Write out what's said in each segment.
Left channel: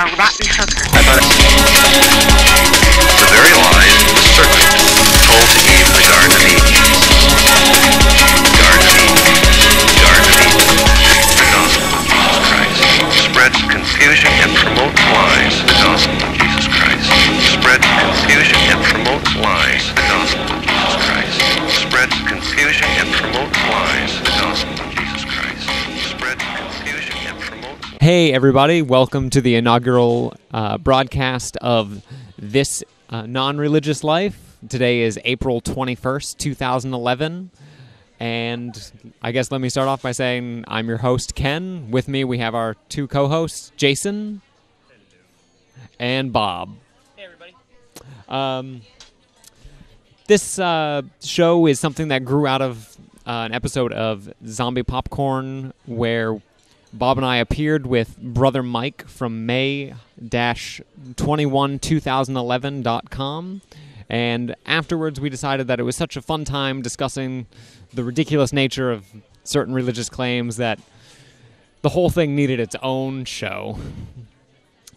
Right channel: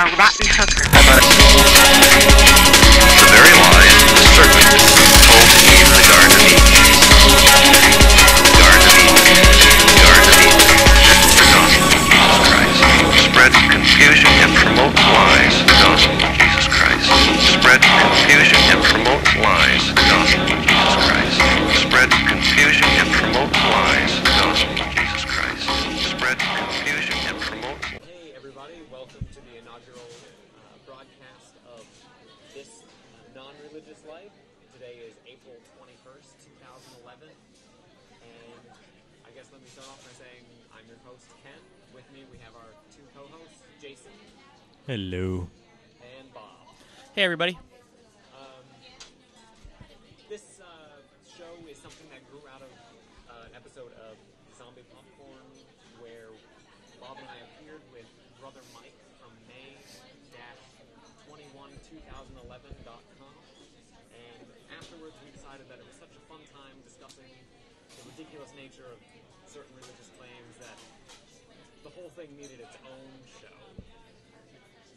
a rotten hooker. The very lies the serpent told to Eve in the Garden of Eden. Garden of Eden. Garden of Eden. The gospel of Jesus Christ. Spreads confusion and promotes lies. The gospel of Jesus Christ. Spreads confusion and promotes lies. The gospel of Jesus Christ. Spreads confusion and promotes lies. The gospel of Jesus Christ. Spreads confusion and promotes. Hey everybody, welcome to the inaugural broadcast of This Non-Religious Life. Today is April 21st, 2011, and I guess let me start off by saying I'm your host, Ken. With me we have our two co-hosts, Jason. Hello. And Bob. Hey everybody. This show is something that grew out of an episode of Zombie Popcorn where Bob and I appeared with Brother Mike from May-212011.com, and afterwards we decided that it was such a fun time discussing the ridiculous nature of certain religious claims that the whole thing needed its own show.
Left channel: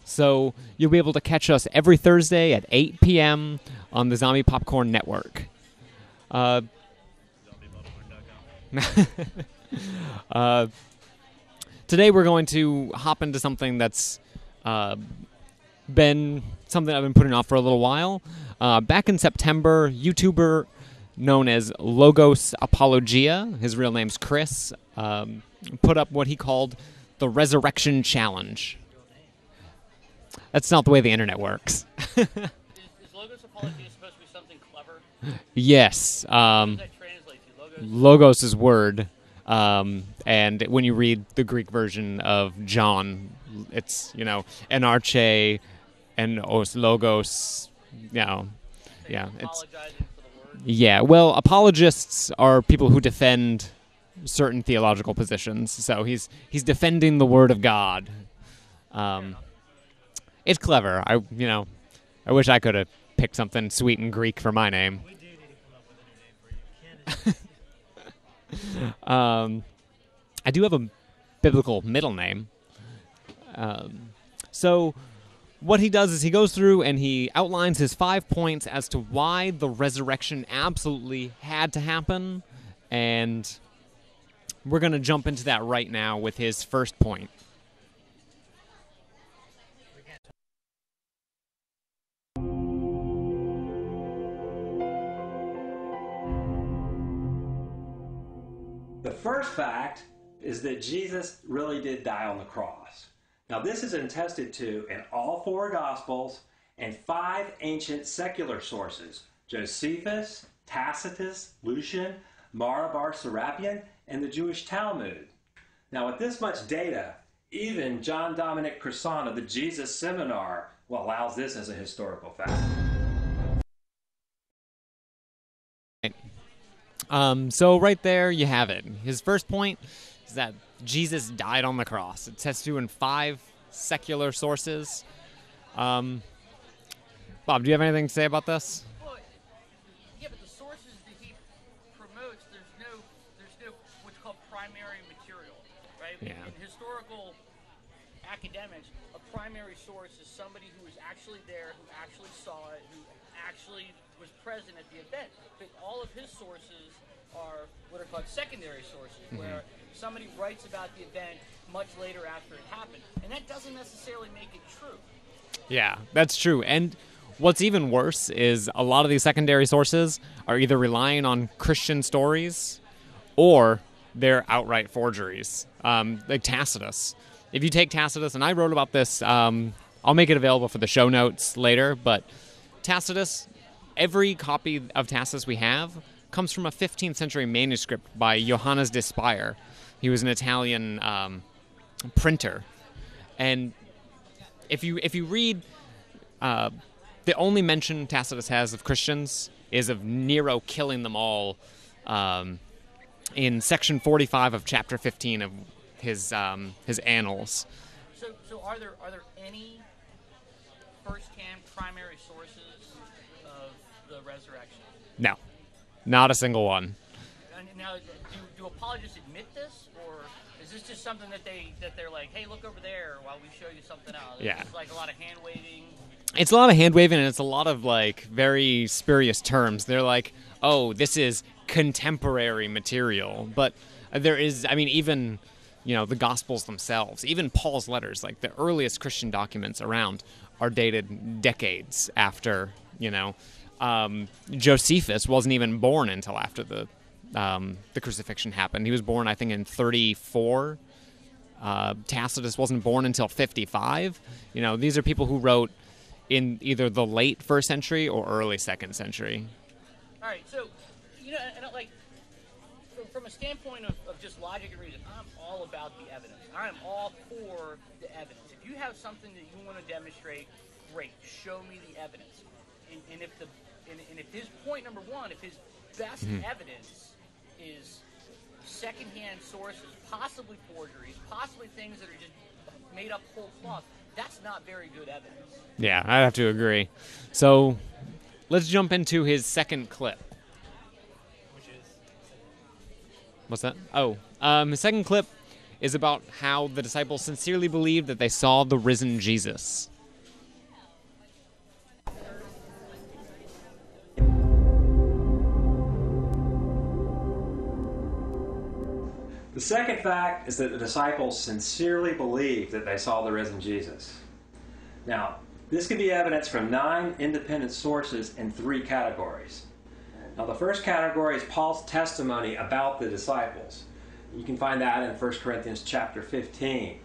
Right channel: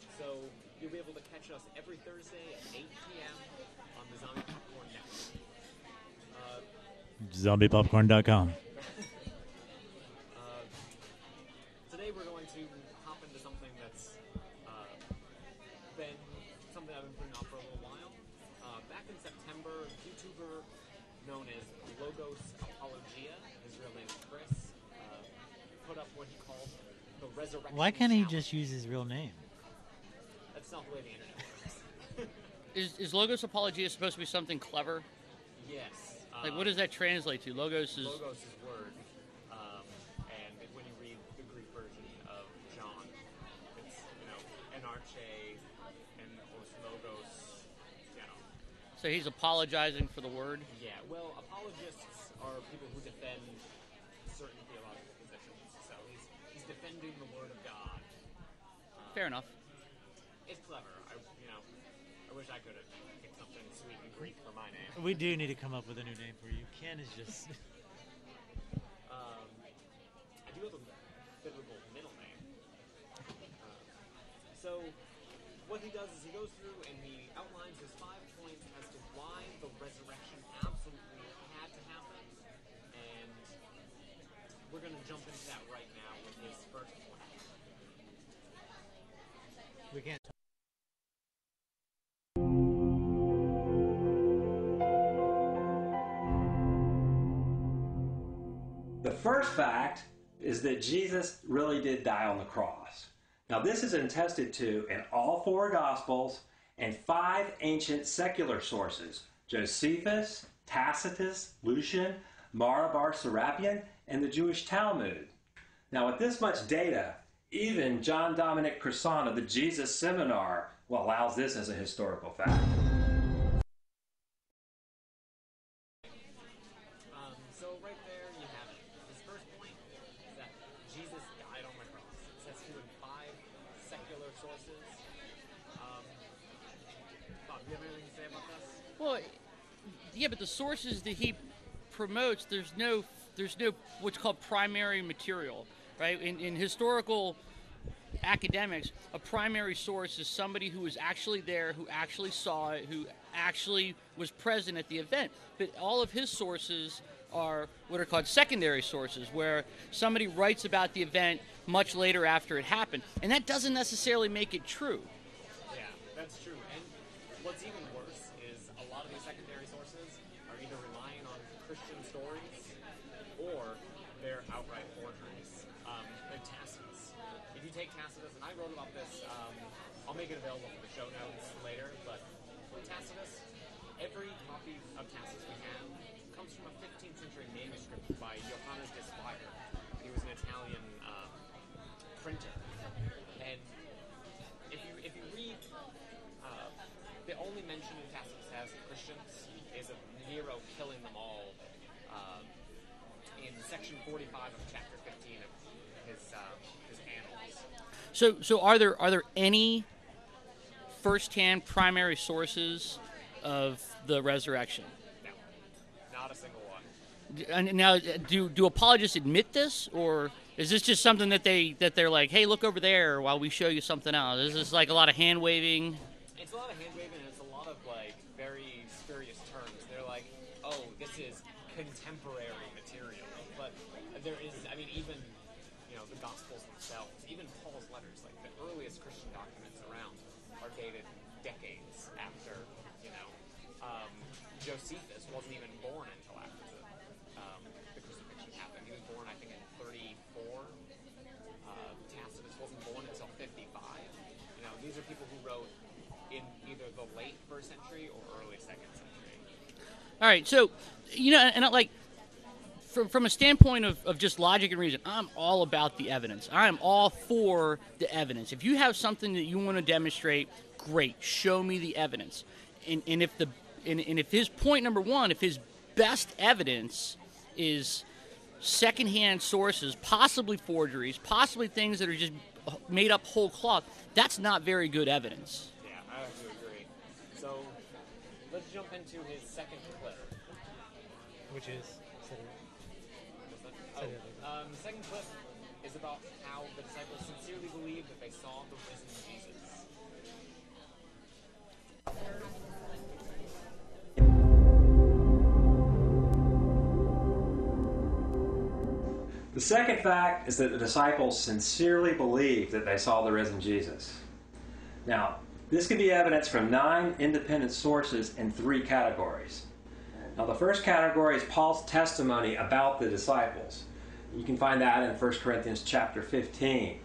So you'll be able to catch us every Thursday at 8 p.m. on the Zombie Popcorn Network. ZombiePopcorn.com. Today we're going to hop into something that's been something I've been putting off for a little while. Back in September, YouTuber known as Logos Apologia, his real name's Chris, put up what he called the Resurrection Challenge. He just use his real name? That's not the way the internet works. Is Logos Apologia supposed to be something clever? Yes. What does that translate to? Logos is word. And when you read the Greek version of John, it's, enarche and os logos, So he's apologizing for the word? Yeah, well, apologists are people who defend certain theological positions. So he's defending the word of God. Fair enough. It's clever. I wish I could have picked something sweet and Greek for my name. We do need to come up with a new name for you. Ken is just... I do have a biblical middle name. So what he does is he goes through and he outlines his 5 points as to why the resurrection absolutely had to happen. And we're going to jump into that right now with his first point. The first fact is that Jesus really did die on the cross. Now, this is attested to in all four Gospels and 5 ancient secular sources: Josephus, Tacitus, Lucian, Mara bar Serapion, and the Jewish Talmud. Now, with this much data, even John Dominic Crossan of the Jesus Seminar allows this as a historical fact. So right there you have it. His first point is that Jesus died on the cross. It says to in 5 secular sources. Bob, do you have anything to say about this? Well, yeah, but the sources that he promotes, there's no what's called primary material, right? Yeah. In historical academics, a primary source is somebody who was actually there, who actually saw it, who actually was present at the event. But all of his sources are what are called secondary sources, where somebody writes about the event much later after it happened. And that doesn't necessarily make it true. Yeah, that's true. And what's even worse is a lot of these secondary sources are either relying on Christian stories or they're outright forgeries, like Tacitus. If you take Tacitus, and I wrote about this, I'll make it available for the show notes later, but Tacitus, every copy of Tacitus we have comes from a 15th century manuscript by Johannes de Spire. He was an Italian printer. And if you read, the only mention Tacitus has of Christians is of Nero killing them all in section 45 of chapter 15 of his annals. So are there any first-hand primary sources of the resurrection? No, not a single one. And now, do apologists admit this, or is this just something that they're like, hey, look over there while we show you something else? Is this like a lot of hand waving? It's a lot of hand waving, and it's a lot of like very spurious terms. They're like, oh, this is contemporary material, but there is, I mean, even the Gospels themselves, even Paul's letters, like the earliest Christian documents around, are dated decades after. Josephus wasn't even born until after the crucifixion happened. He was born, I think, in 34. Tacitus wasn't born until 55. These are people who wrote in either the late first century or early second century. All right, so and like from a standpoint of just logic and reason, I'm all about the evidence. I'm all for the evidence. If you have something that you want to demonstrate, great, show me the evidence. And if his point number one, if his best evidence is secondhand sources, possibly forgeries, possibly things that are just made up whole cloth, that's not very good evidence. Yeah, I have to agree. So let's jump into his second clip. Which is? What's that? Oh, his second clip is about how the disciples sincerely believed that they saw the risen Jesus. The second fact is that the disciples sincerely believed that they saw the risen Jesus. Now, this can be evidence from 9 independent sources in 3 categories. Now, the first category is Paul's testimony about the disciples. You can find that in 1 Corinthians chapter 15.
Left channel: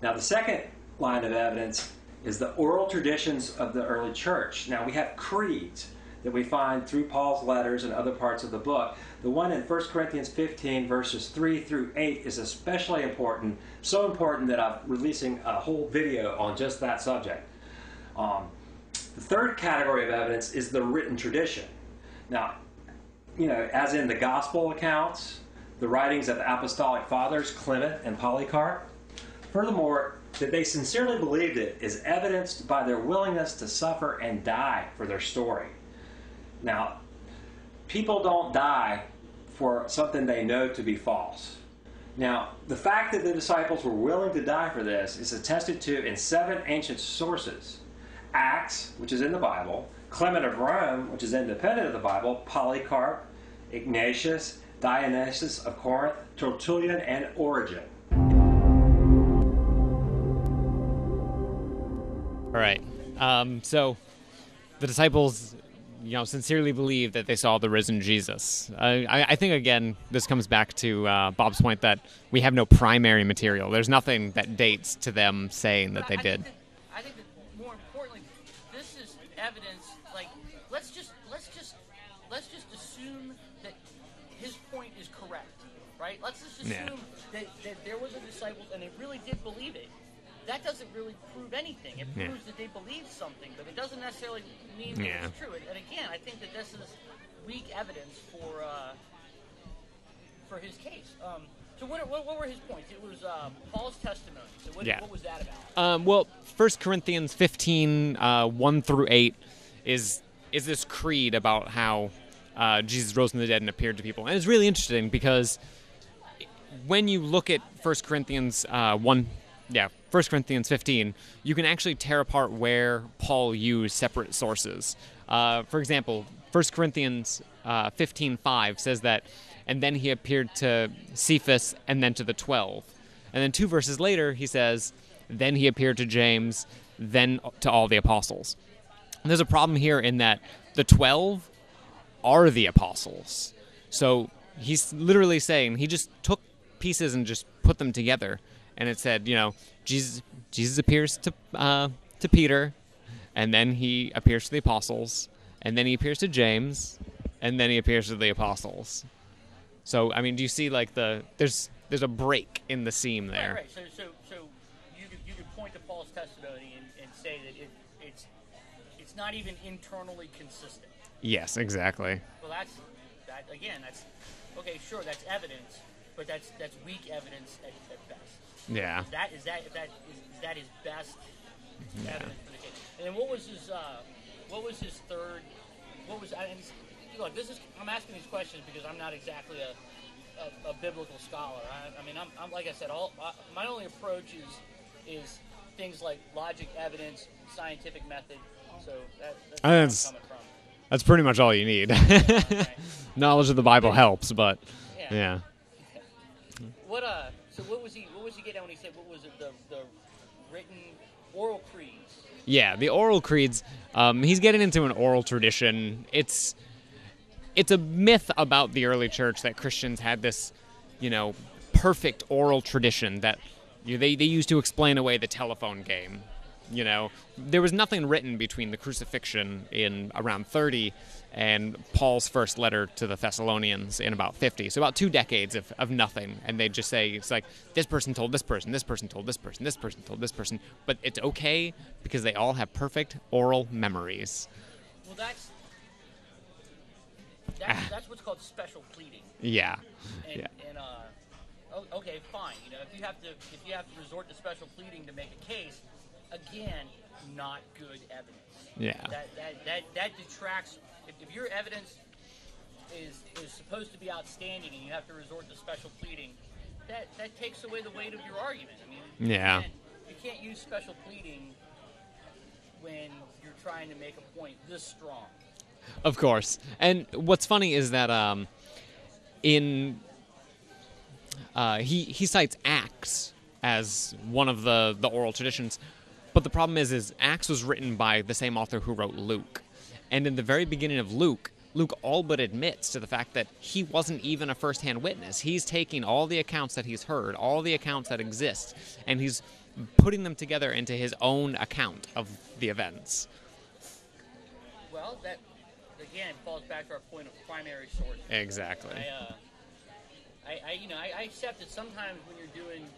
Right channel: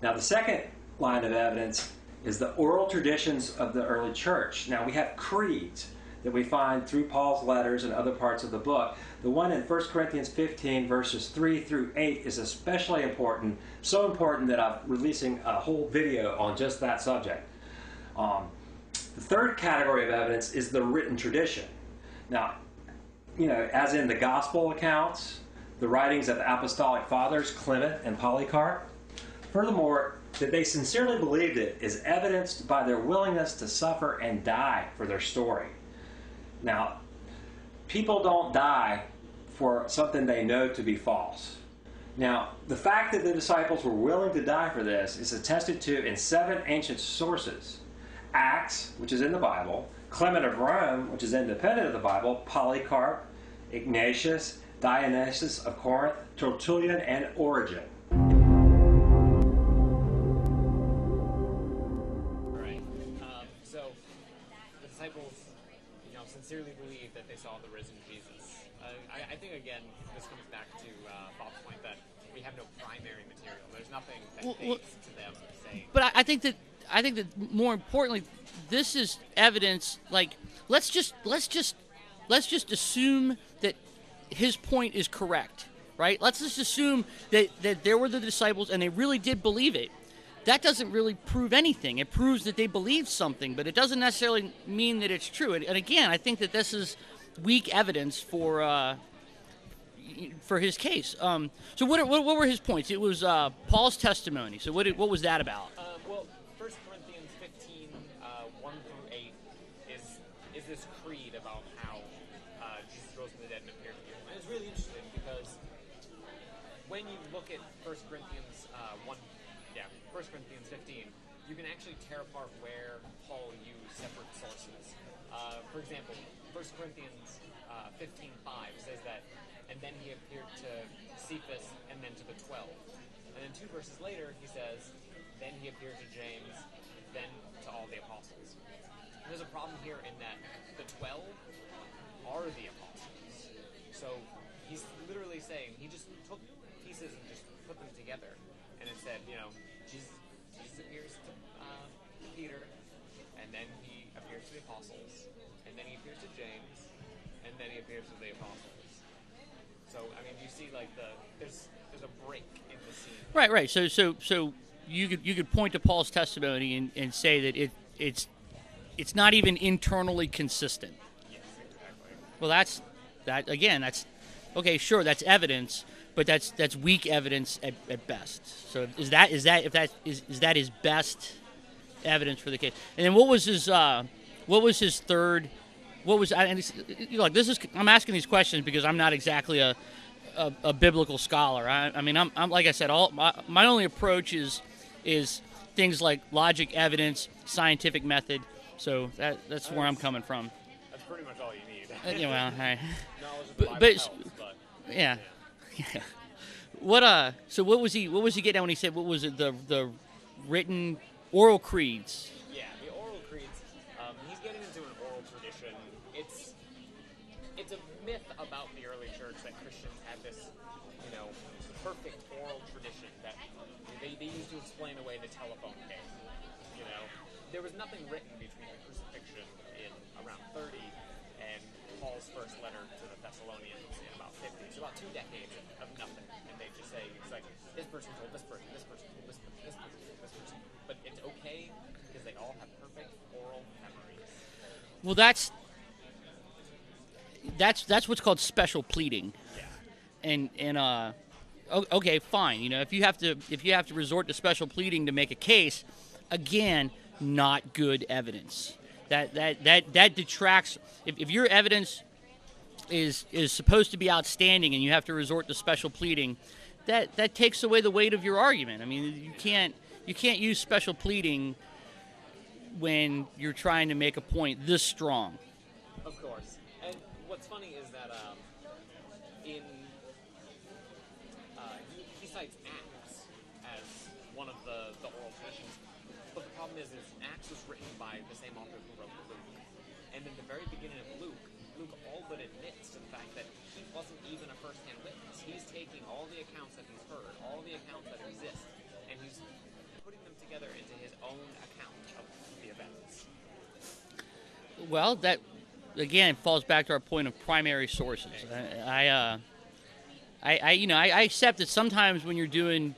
Now, the second line of evidence is the oral traditions of the early church. Now, we have creeds that we find through Paul's letters and other parts of the book. The one in 1 Corinthians 15, verses 3 through 8 is especially important, so important that I'm releasing a whole video on just that subject. The third category of evidence is the written tradition. Now, as in the gospel accounts, the writings of the apostolic fathers, Clement and Polycarp. Furthermore, that they sincerely believed it is evidenced by their willingness to suffer and die for their story. Now, people don't die for something they know to be false. Now, the fact that the disciples were willing to die for this is attested to in 7 ancient sources. Acts, which is in the Bible, Clement of Rome, which is independent of the Bible, Polycarp, Ignatius, Dionysius of Corinth, Tertullian, and Origen. All right. So the disciples, sincerely believed that they saw the risen Jesus. I think, again, this comes back to Bob's point that we have no primary material. There's nothing that dates to them saying that they did. I think that more importantly, this is evidence. Like, let's just assume that his point is correct, right? Let's just assume that there were the disciples and they really did believe it. That doesn't really prove anything. It proves that they believed something, but it doesn't necessarily mean that it's true. And again, I think that this is weak evidence for his case. So what were his points? It was Paul's testimony. So what was that about? Well, 1 Corinthians 15, 1 through 8 is this creed about how Jesus rose from the dead and appeared to people. And it's really interesting because when you look at 1 Corinthians 1 Corinthians 15, you can actually tear apart where Paul used separate sources. For example, 1 Corinthians 15:5 says that, and then he appeared to Cephas and then to the 12. And then 2 verses later, he says, then he appeared to James, then to all the apostles. And there's a problem here in that the 12 are the apostles. So he's literally saying, he just took pieces and just put them together. And it said, Jesus appears to Peter, and then he appears to the apostles, and then he appears to James, and then he appears to the apostles. So, I mean, do you see like there's a break in the seam there? Right. So you could point to Paul's testimony and say that it's not even internally consistent. Yes, exactly. Well, that's okay. Sure, that's evidence. But that's weak evidence at best. So is that his best evidence for the case? And then what was his third what was and like this is I'm asking these questions because I'm not exactly a biblical scholar. I mean I'm like I said, my only approach is things like logic, evidence, scientific method. So that's where I'm coming from. That's pretty much all you need. Right. Knowledge of the Bible helps, but yeah. So what was he getting at when he said what was it the written oral creeds? Yeah, the oral creeds. He's getting into an oral tradition. It's a myth about the early church that Christians had this, perfect oral tradition that they used to explain away the telephone game. There was nothing written between the crucifixion in around 30 and Paul's first letter to the Thessalonians in about 50. So about 2 decades of nothing. And they'd just say, it's like, this person told this person, this person told this person, this person told this person. But it's okay because they all have perfect oral memories. Well, that's what's called special pleading. Yeah. Okay, fine. If you have to resort to special pleading to make a case, again, not good evidence. Yeah. That detracts. If your evidence is supposed to be outstanding and you have to resort to special pleading, that takes away the weight of your argument. I mean, you can't use special pleading when you're trying to make a point this strong. Of course. And what's funny is that he cites Acts as one of the oral traditions, but the problem is Acts was written by the same author who wrote Luke. And in the very beginning of Luke all but admits to the fact that he wasn't even a first-hand witness. He's taking all the accounts that he's heard, all the accounts that exist, and he's putting them together into his own account of the events. Well, that again falls back to our point of primary sources. Exactly. I accept that sometimes when you're doing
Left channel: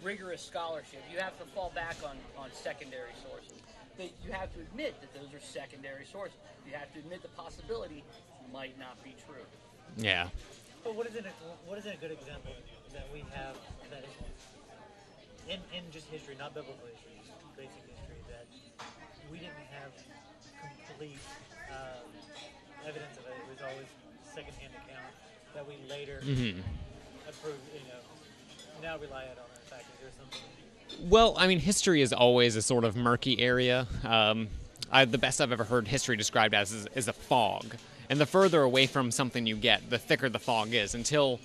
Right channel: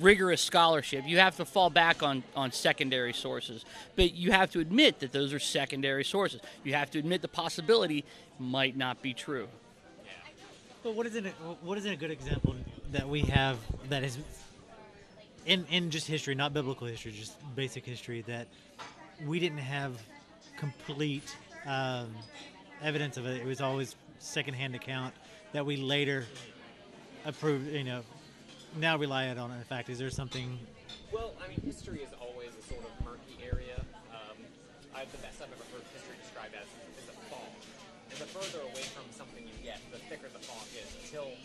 rigorous scholarship, you have to fall back on secondary sources. But you have to admit that those are secondary sources. You have to admit the possibility might not be true. Yeah. But what isn't a good example that we have that is in just history, not biblical history, just basic history, that we didn't have complete evidence of it. It was always secondhand account that we later approved, now rely on. In fact, is there something? Well, I mean, history is always a sort of murky area. The best I've ever heard history described as is a fog. And the further away from something you get, the thicker the fog is until,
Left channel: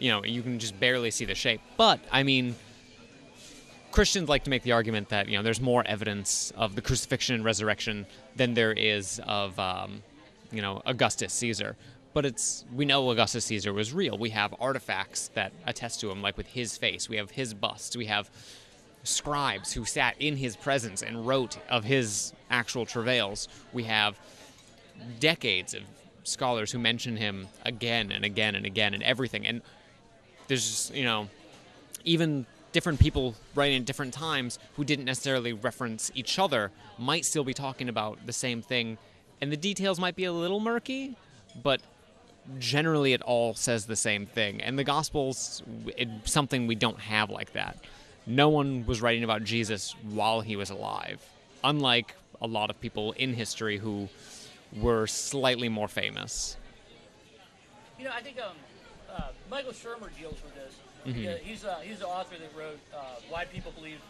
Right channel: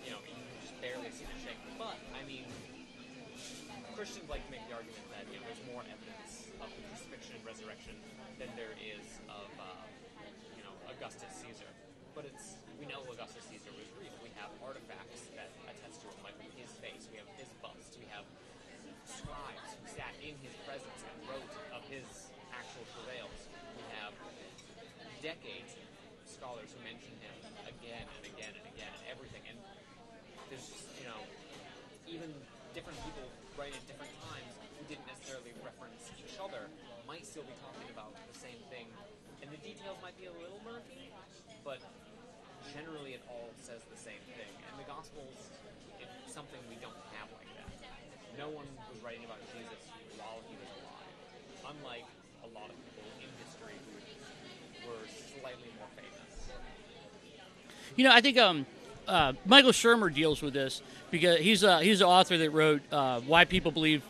you can just barely see the shape. But, I mean, Christians like to make the argument that, there's more evidence of the crucifixion and resurrection than there is of, Augustus Caesar. But we know Augustus Caesar was real. We have artifacts that attest to him, like with his face. We have his bust. We have scribes who sat in his presence and wrote of his actual travails. We have decades of scholars who mention him again and again and again and everything. And there's just, even different people writing at different times who didn't necessarily reference each other might still be talking about the same thing. And the details might be a little murky, but generally it all says the same thing. And the Gospels, it's something we don't have like that. No one was writing about Jesus while he was alive, unlike a lot of people in history who were slightly more famous. I think Michael Shermer deals with this because he's an author that wrote Why People Believe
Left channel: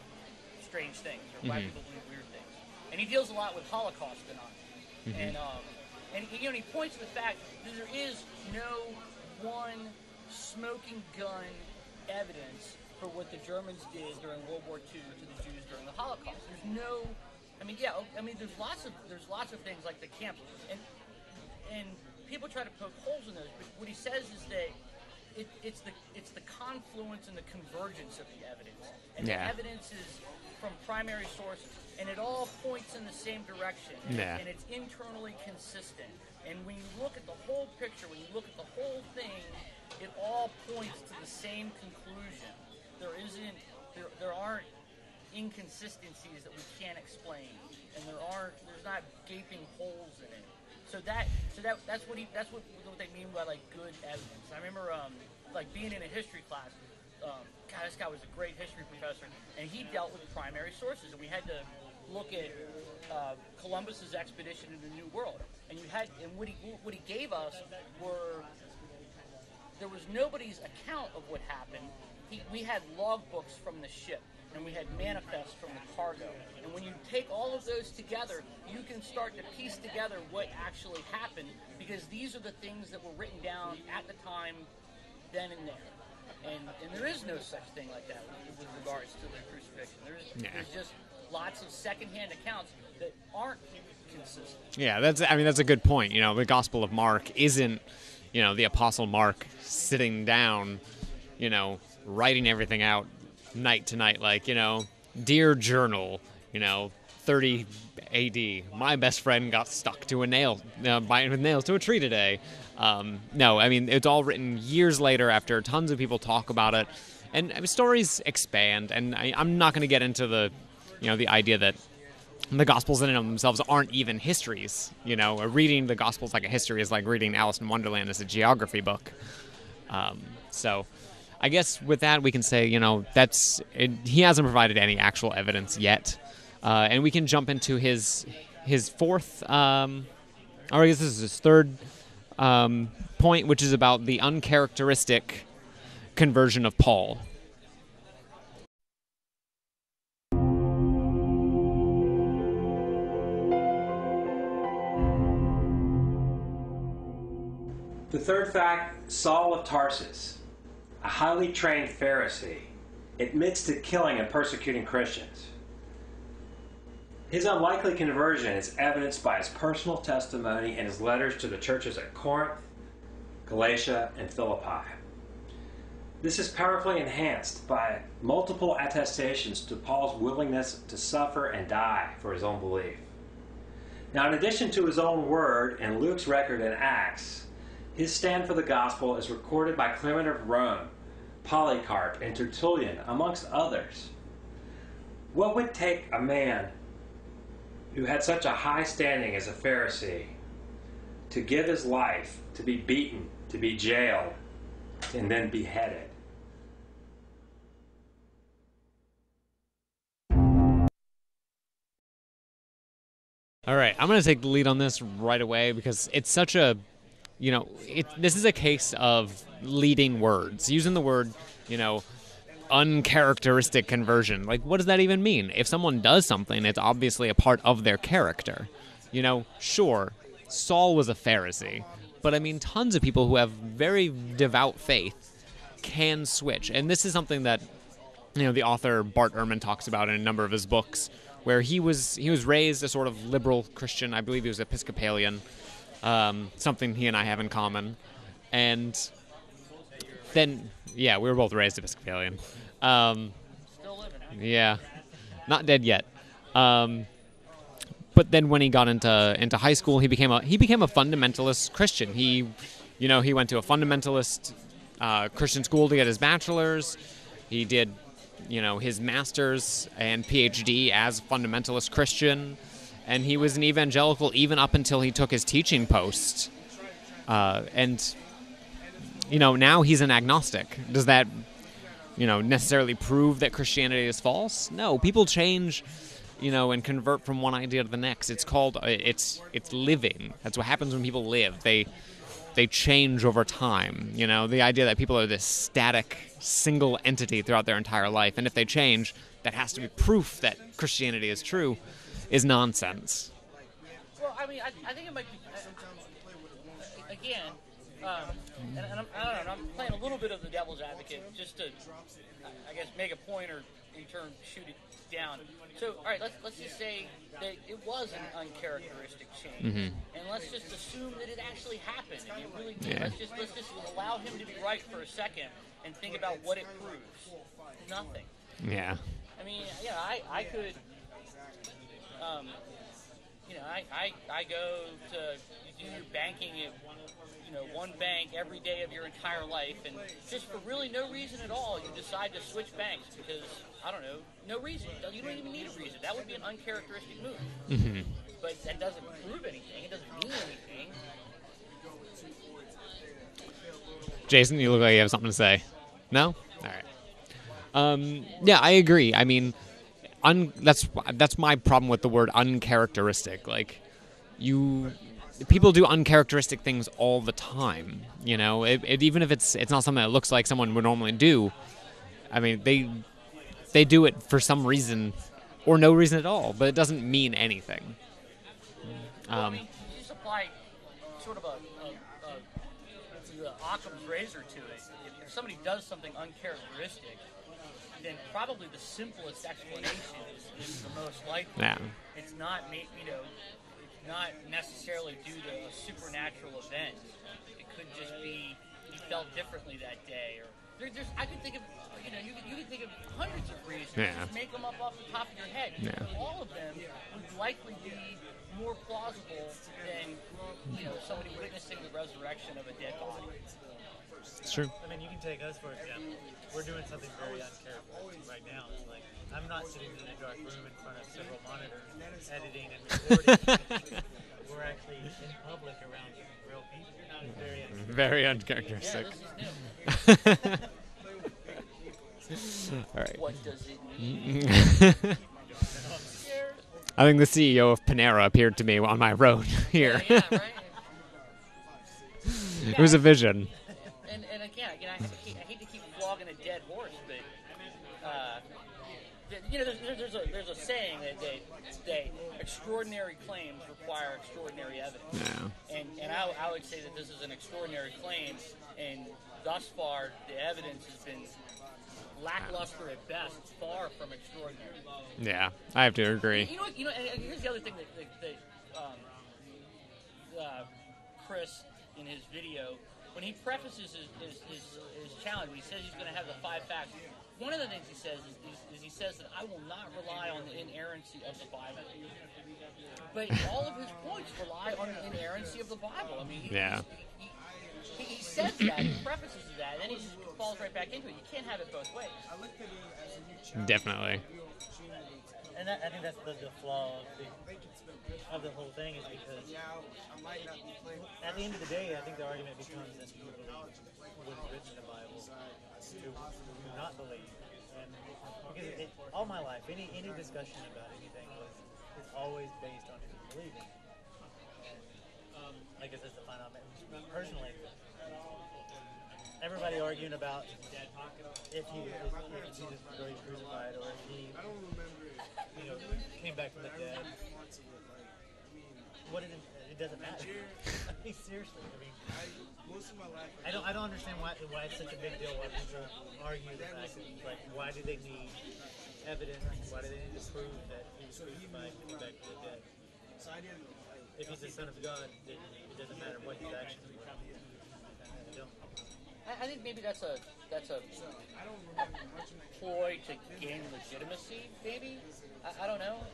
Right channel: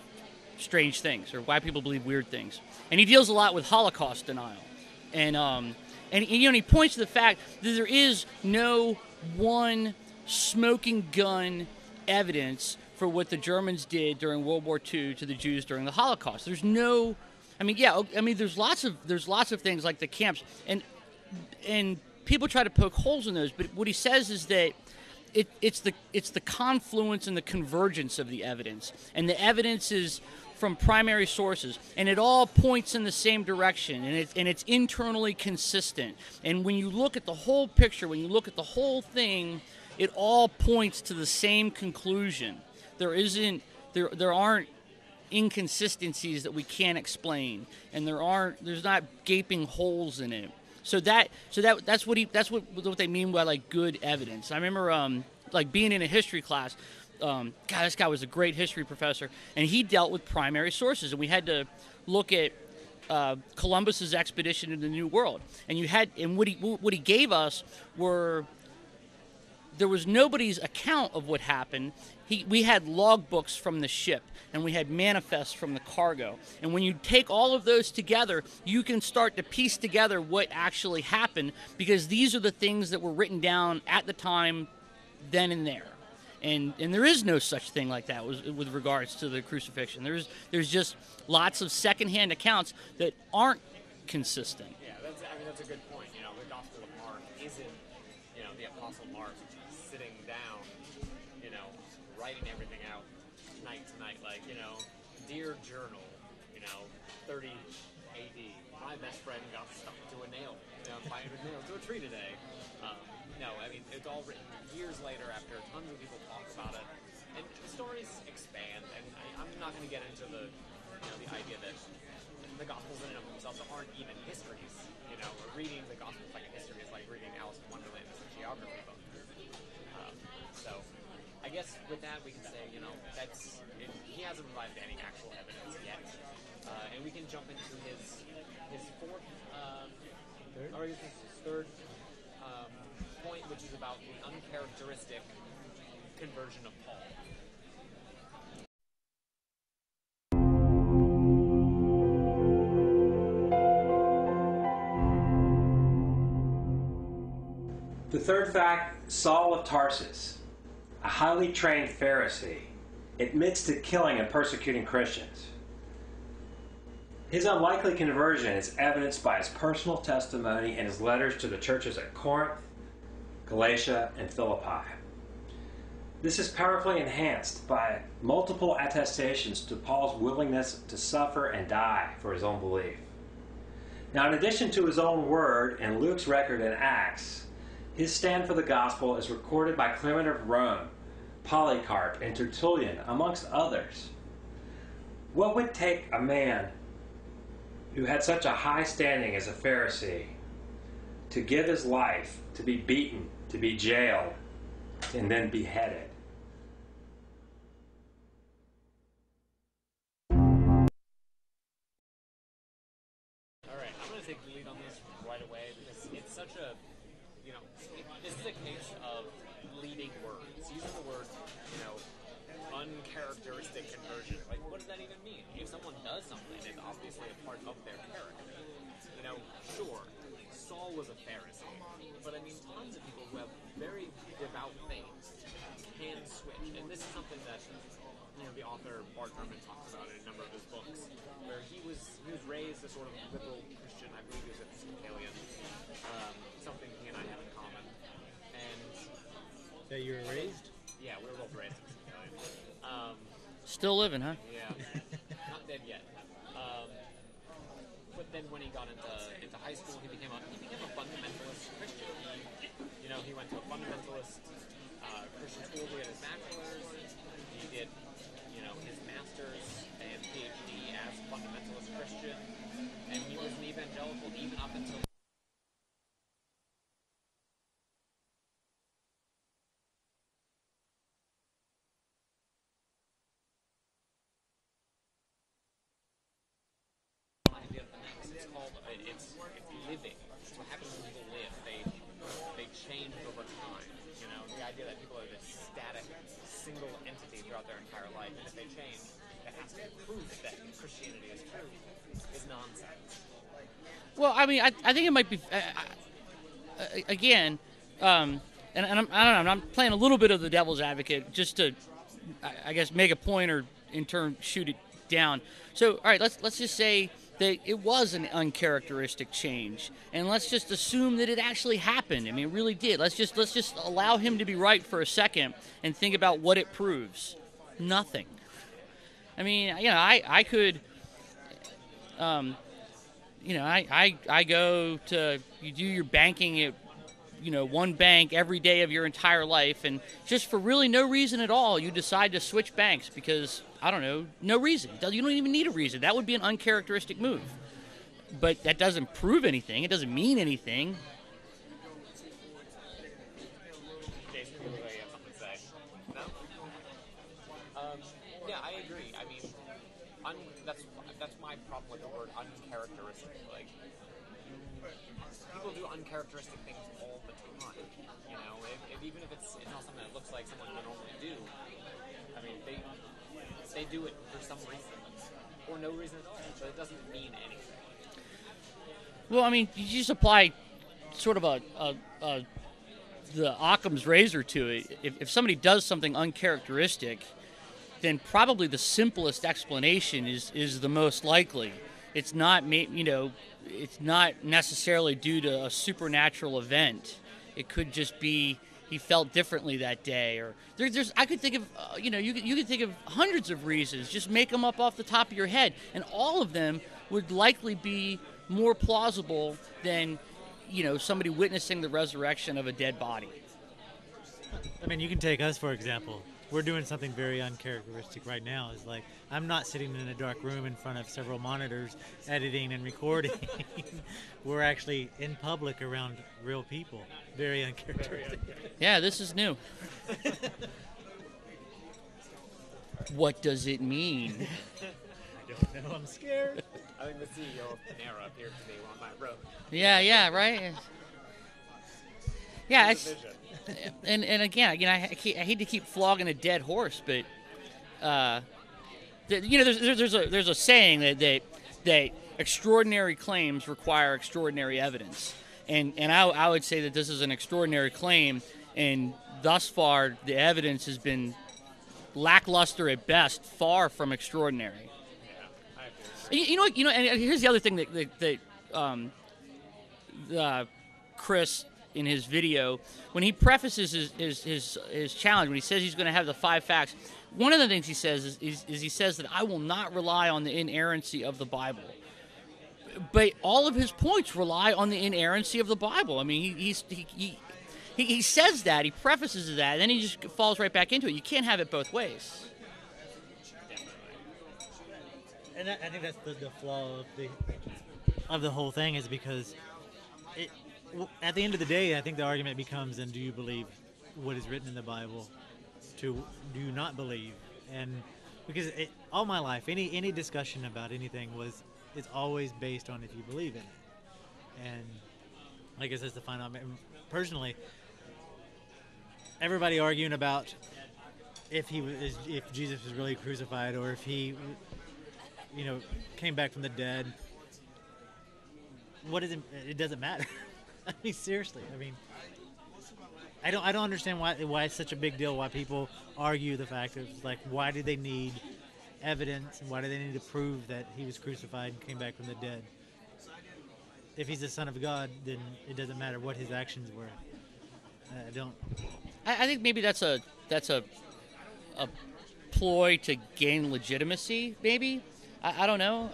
Strange Things or Why People Believe Weird Things. And he deals a lot with Holocaust denial. And he points to the fact that there is no one smoking gun evidence for what the Germans did during World War II to the Jews during the Holocaust. There's no, there's lots of things like the camps, and people try to poke holes in those. But what he says is that it's the confluence and the convergence of the evidence, and the evidence is from primary sources, and it all points in the same direction, and it's internally consistent. And when you look at the whole picture, when you look at the whole thing, it all points to the same conclusion. There aren't inconsistencies that we can't explain, and there's not gaping holes in it. So that's what they mean by like good evidence. I remember being in a history class. This guy was a great history professor, and he dealt with primary sources, and we had to look at Columbus's expedition into the New World, and what he gave us were, there was nobody's account of what happened. We had logbooks from the ship, and we had manifests from the cargo. And when you take all of those together, you can start to piece together what actually happened, because these are the things that were written down at the time, then and there. And there is no such thing like that with regards to the crucifixion. There's just lots of secondhand accounts that aren't consistent. Yeah, that's a good point. The Gospel of Mark isn't, the Apostle Mark sitting down, writing everything out night to night, like, dear journal, 30 AD, my best friend got stuck to a nail, with nails to a tree today. No, it's all written years later after tons of people talk about it, and stories expand, and I'm not going to get into the idea that the Gospels in and of themselves aren't even histories. Reading the Gospels like a history is like reading Alice in Wonderland as a geography book. So I guess with that we can say, he hasn't provided any actual evidence yet. And we can jump into his fourth, or I guess this is his third point, which is about the uncharacteristic conversion of Paul. The third fact, Saul of Tarsus, a highly trained Pharisee, admits to killing and persecuting Christians. His unlikely conversion is evidenced by his personal testimony and his letters to the churches at Corinth, Galatia, and Philippi. This is powerfully enhanced by multiple attestations to Paul's willingness to suffer and die for his own belief. Now, in addition to his own word and Luke's record in Acts, his stand for the gospel is recorded by Clement of Rome, Polycarp, and Tertullian, amongst others. What would take a man who had such a high standing as a Pharisee to give his life, to be beaten, to be jailed, and then beheaded? All right, I'm going to take the lead on this right away because it's such a, this is a case of leading words, using the word, uncharacteristic conversion. Like, what does that even mean? If someone does something, it's obviously a part of their character. Sure, Saul was a Pharisee, but tons of people who have very devout faith can switch. And this is something that, the author Bart Ehrman talks about in a number of his books, where he was raised a sort of liberal Christian. I believe he was Episcopalian, something he and I have in common. And then, yeah, we were both raised Episcopalian. Still living, huh? Yeah, not dead yet. But then when he got into high school, he became a fundamentalist Christian. He went to a fundamentalist Christian school to get his bachelor's. He did, his master's and PhD as fundamentalist Christian, and he was an evangelical even up until he took his teaching post. And now he's an agnostic. Does that, necessarily prove that Christianity is false? No, people change, and convert from one idea to the next. It's called, it's living. That's what happens when people live. They change over time. The idea that people are this static, single entity throughout their entire life, and if they change, that has to be proof that Christianity is true, is nonsense. Well, I think it might be, again, and I'm playing a little bit of the devil's advocate just to, I guess, make a point or in turn shoot it down. So, all right, let's just say that it was an uncharacteristic change, and let's just assume that it actually happened. It really did. Let's just allow him to be right for a second and think about what it proves. Nothing. Yeah. I could, I go to, you do your banking at, one bank every day of your entire life, and just for really no reason at all, you decide to switch banks because, I don't know, no reason. You don't even need a reason. That would be an uncharacteristic move. Mm-hmm. But that doesn't prove anything. It doesn't mean anything. Jason, you look like you have something to say. No? All right. Yeah, I agree. that's my problem with the word uncharacteristic. Like, people do uncharacteristic things all the time. You know, even if it's not something that looks like someone would normally do. I mean, they do it for some reason or no reason at all, but it doesn't mean anything. Well, I mean, you just apply sort of the Occam's razor to it. If somebody does something uncharacteristic, then probably the simplest explanation is the most likely. Yeah. It's not, it's not necessarily due to a supernatural event. It could just be he felt differently that day, or I could think of, you could think of hundreds of reasons. Yeah. Just make them up off the top of your head, and all of them would likely be more plausible than, somebody witnessing the resurrection of a dead body. It's true. I mean, you can take us, for example. We're doing something very uncharacteristic right now. It's like, I'm not sitting in a dark room in front of several monitors editing and recording. We're actually in public around real people. Very uncharacteristic. Very uncharacteristic. Yeah, this is new. All right. What does it mean? I think the CEO of Panera appeared to me on my road here. Yeah, right. Yeah, Here's a vision. And again, I hate to keep flogging a dead horse, but there's a saying that extraordinary claims require extraordinary evidence, and I would say that this is an extraordinary claim, and thus far the evidence has been lackluster at best, far from extraordinary. Yeah, I have to agree. And here's the other thing that Chris, in his video, when he prefaces his challenge, when he says he's going to have the 5 facts, one of the things he says is he says that I will not rely on the inerrancy of the Bible. But all of his points rely on the inerrancy of the Bible. I mean, he says that, he prefaces that, and then he just falls right back into it. You can't have it both ways. Definitely. And I think that's the flaw of the whole thing, is because at the end of the day, I think the argument becomes, and do you believe what is written in the Bible, to do you not believe? And because all my life, any discussion about anything is always based on if you believe in it. And I guess that's the final. I mean, personally, everybody arguing about if Jesus was really crucified, or if he came back from the dead. What is it? It doesn't matter. I mean, seriously. I mean, I don't understand why it's such a big deal. Why people argue the fact of, like, why do they need evidence? Why do they need to prove that he was crucified and came back from the dead? If he's the Son of God, then it doesn't matter what his actions were. I don't. I think maybe that's a ploy to gain legitimacy. Maybe I don't know.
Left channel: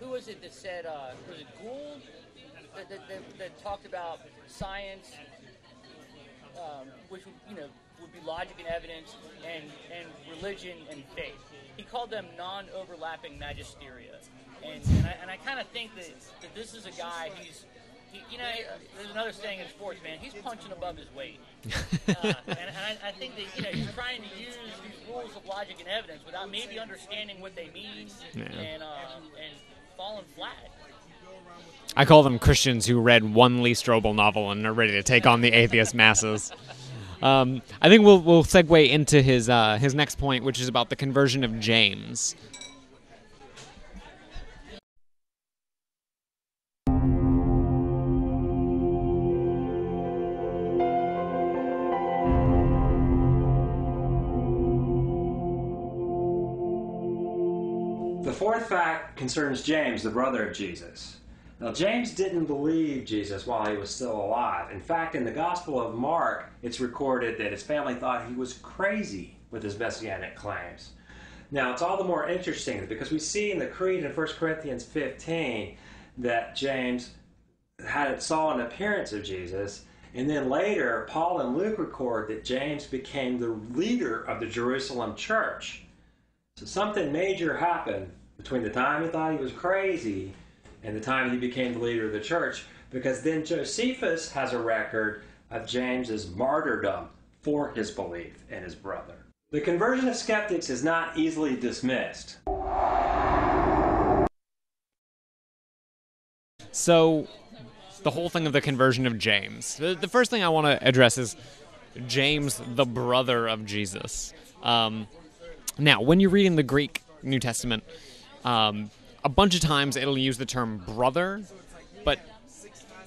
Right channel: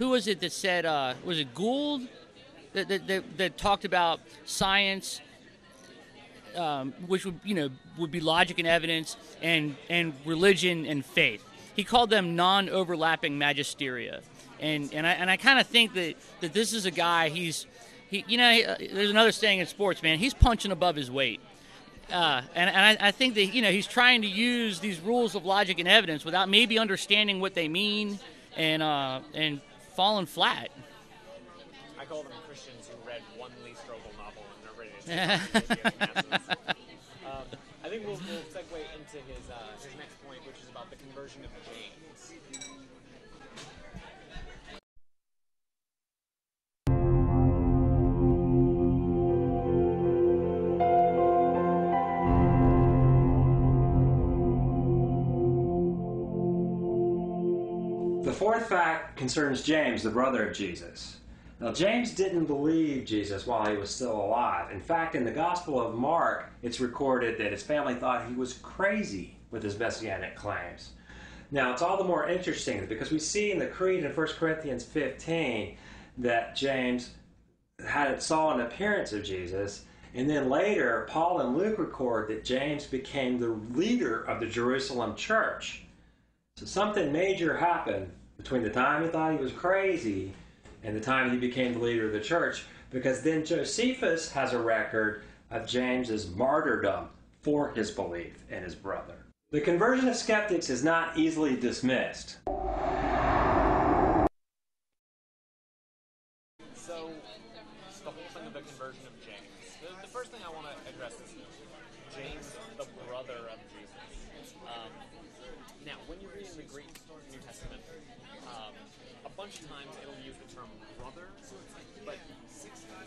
Who was it that said? Was it Gould that talked about science, which would be logic and evidence, and religion and faith? He called them non-overlapping magisteria, and I kind of think that this is a guy. There's another saying in sports, man. He's punching above his weight, and I think that he's trying to use these rules of logic and evidence without maybe understanding what they mean, and falling flat. I call them Christians who read one Lee Strobel novel and are ready to take on the atheist masses. I think we'll segue into his next point, which is about the conversion of James. The fourth fact concerns James, the brother of Jesus. Now, James didn't believe Jesus while he was still alive. In fact, in the Gospel of Mark, it's recorded that his family thought he was crazy with his messianic claims. Now, it's all the more interesting because we see in the Creed in 1 Corinthians 15 that James saw an appearance of Jesus, and then later, Paul and Luke record that James became the leader of the Jerusalem church. So something major happened between the time he thought he was crazy and the time he became the leader of the church, because then Josephus has a record of James's martyrdom for his belief in his brother. The conversion of skeptics is not easily dismissed. So, the whole thing of the conversion of James. The first thing I want to address is James, the brother of Jesus. Now, when you read in the Greek New Testament, a bunch of times it'll use the term brother, but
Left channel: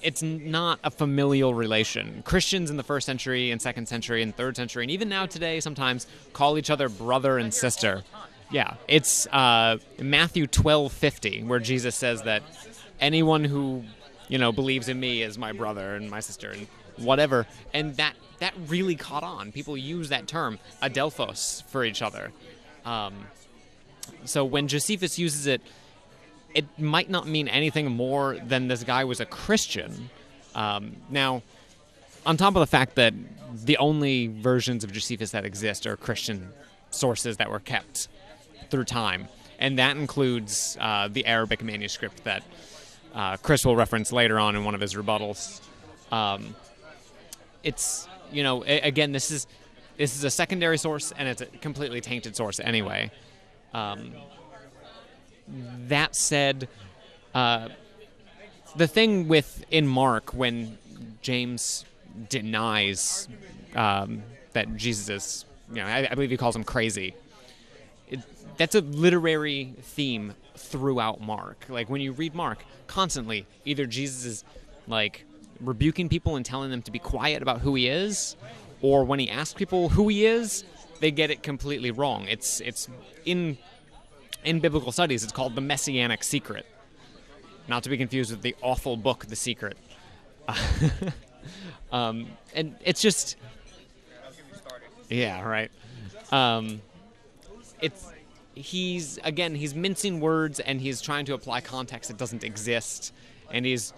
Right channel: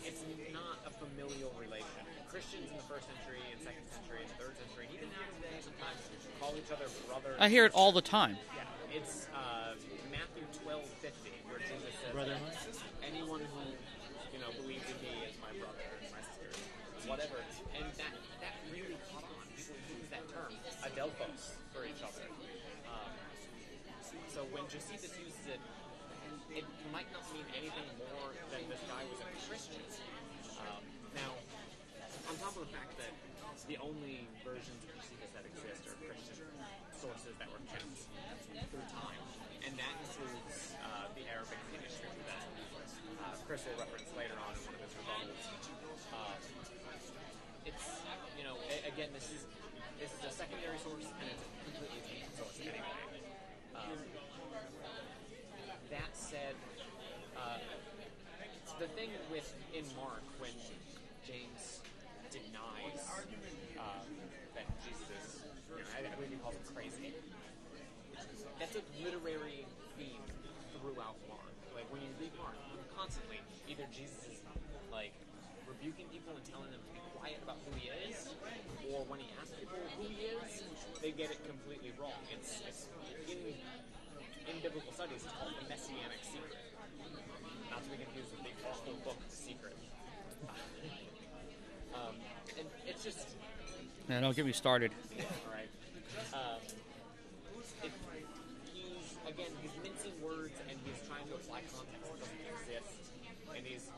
it's not a familial relation. Christians in the 1st century and 2nd century and 3rd century, and even now today sometimes call each other brother and I hear sister. it all the time. Yeah, it's Matthew 12:50, where Jesus says that anyone who, believes in me is my brother and my sister and whatever. And that really caught on. People use that term, adelphos, for each other. So when Josephus uses it, it might not mean anything more than this guy was a Christian. Now, on top of the fact that the only versions of Josephus that exist are Christian sources that were kept through time, and that includes the Arabic manuscript that Chris will reference later on in one of his rebuttals. It's, again, this is a secondary source, and it's a completely tainted source anyway. That said, the thing in Mark, when James denies that Jesus is, I believe he calls him crazy, that's a literary theme throughout Mark. Like, when you read Mark, constantly, either Jesus is, rebuking people and telling them to be quiet about who he is, or when he asks people who he is, they get it completely wrong. It's in biblical studies, it's called the Messianic Secret. Not to be confused with the awful book, The Secret. And it's just... Man, don't get me started. Yeah, right. He's mincing words, and he's trying to apply context that doesn't exist, and he's,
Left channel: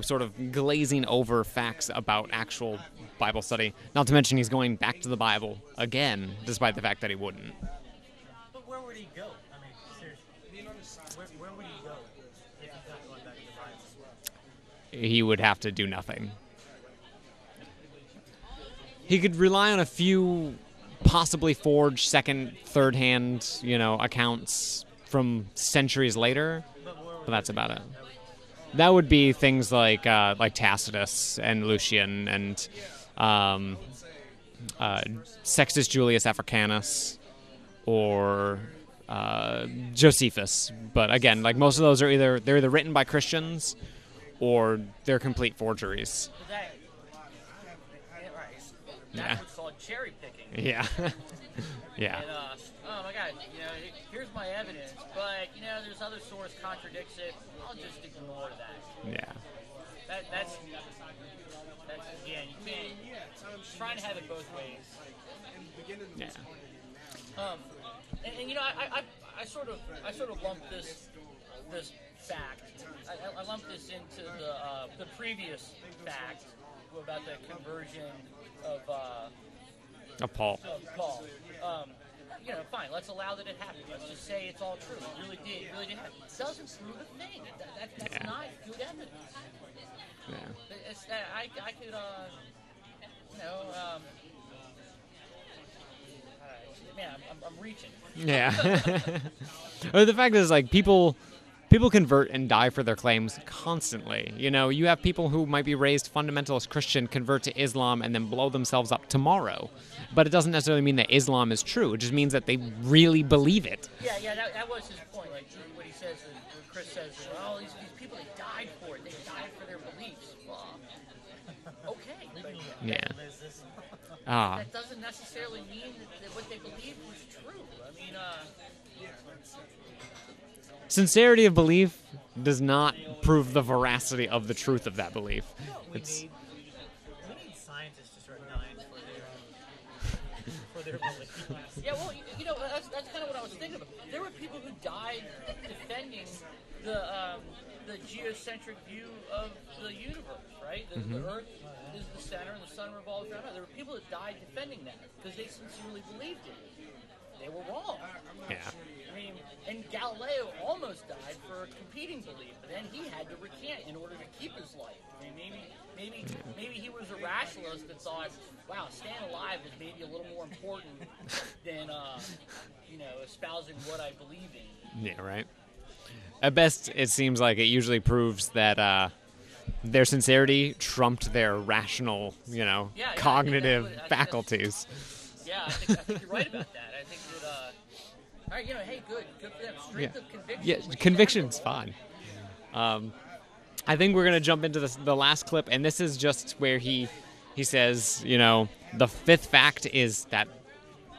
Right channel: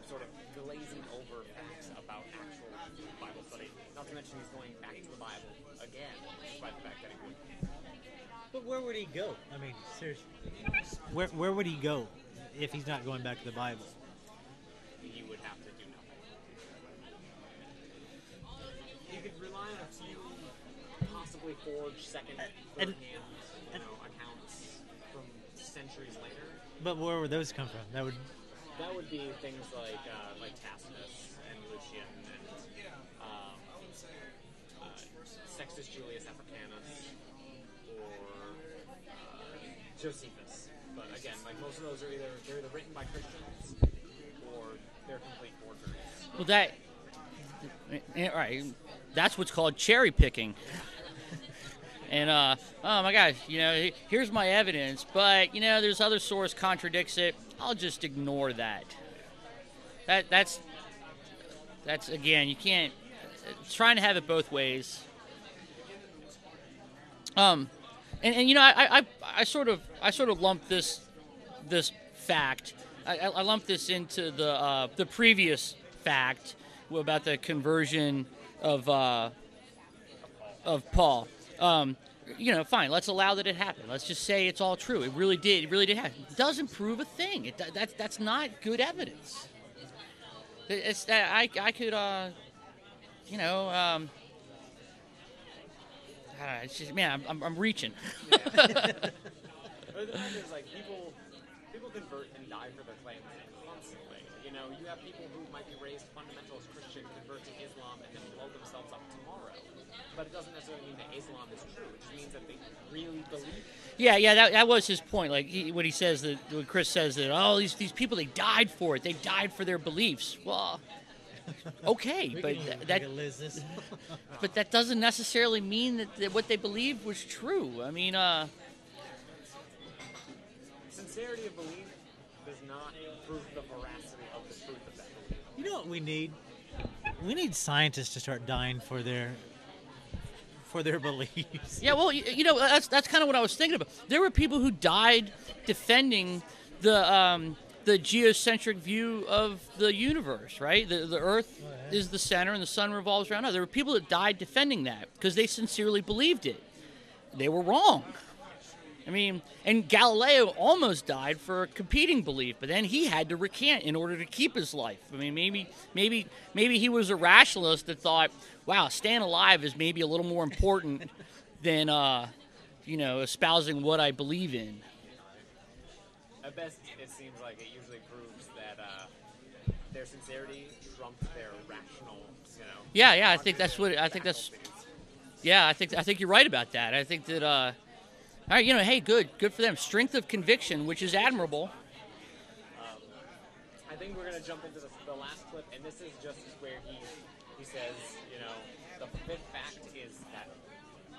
sort of glazing over facts about actual Bible study. Not to mention he's going back to the Bible again, despite the fact that he wouldn't. But where would he go? I mean, seriously. Where would he go if he's not going back to the Bible? He would have to do nothing. He could rely on a few possibly forged second, third-hand, accounts from centuries later. But where would that's those about come it. from? That would be things like Tacitus and Lucian and Sextus Julius Africanus or Josephus. But again, most of those are either written by Christians or they're complete forgeries. Well, right. That's what's called cherry picking. Yeah. Yeah. And oh my gosh, here's my evidence, but there's other source contradicts it. I'll just ignore that. Yeah. That's again, you can't. Trying to have it both ways. Yeah. And I sort of lump this fact. I lump this into the previous fact about the conversion of Paul. Fine. Let's allow that it happened. Let's just say it's all true. It really did happen. It doesn't prove a thing. That's not good evidence. Yeah. It's that I could it's just, man, I'm reaching. Yeah. The fact is, people convert and die for their claims constantly. You have people who might be raised fundamentalist Christian, convert to Islam, and then blow themselves up tomorrow. But it doesn't necessarily mean that Islam is true. It just means that they really believe it. Yeah, that was his point. When he says that, when Chris says that, these people, they died for it. They died for their beliefs. Well, okay, but but that doesn't necessarily mean that what they believed was true. I mean, sincerity of belief does not prove the veracity of the truth of that belief. We need scientists to start dying for their beliefs. Yeah, well, that's kind of what I was thinking about. There were people who died defending the geocentric view of the universe, right? The Earth is the center and the sun revolves around us. There were people that died defending that because they sincerely believed it. They were wrong. Yeah. I mean, and Galileo almost died for a competing belief, but then he had to recant in order to keep his life. I mean, maybe he was a rationalist that thought, wow, staying alive is maybe a little more important than, espousing what I believe in. Yeah, right. At best, it seems like it usually proves that their sincerity trumped their rational, cognitive faculties. Yeah, I think you're right about that. I think that, all right, hey, good for them. Strength of conviction, which conviction's is admirable. fine. I think we're gonna jump into the last clip, and this is just where he says, the fifth fact is that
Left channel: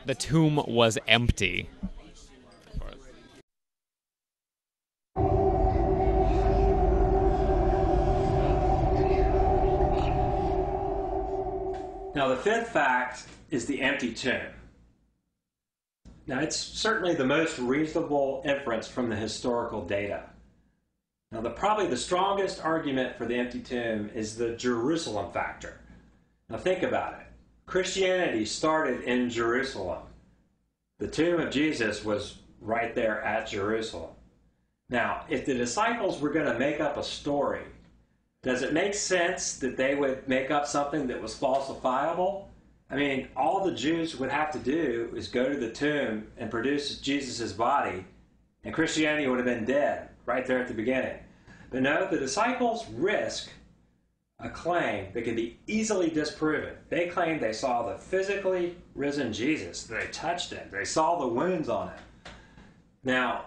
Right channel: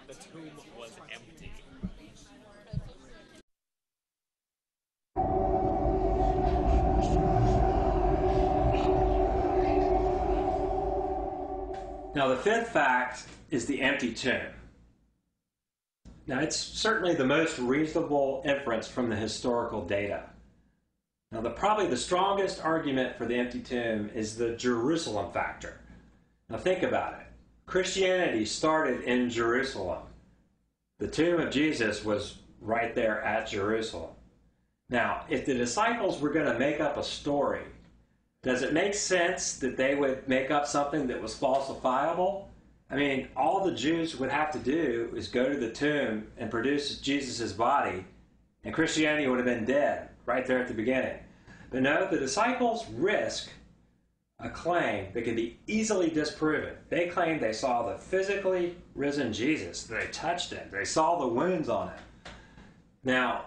the tomb was empty. Now, the fifth fact is the empty tomb. Now, it's certainly the most reasonable inference from the historical data. Now, probably the strongest argument for the empty tomb is the Jerusalem factor. Now, think about it. Christianity started in Jerusalem. The tomb of Jesus was right there at Jerusalem. Now, if the disciples were going to make up a story, does it make sense that they would make up something that was falsifiable? I mean, all the Jews would have to do is go to the tomb and produce Jesus' body, and Christianity would have been dead right there at the beginning. But no, the disciples risk a claim that can be easily disproven. They claimed they saw the physically risen Jesus. They touched him. They saw the wounds on him. Now,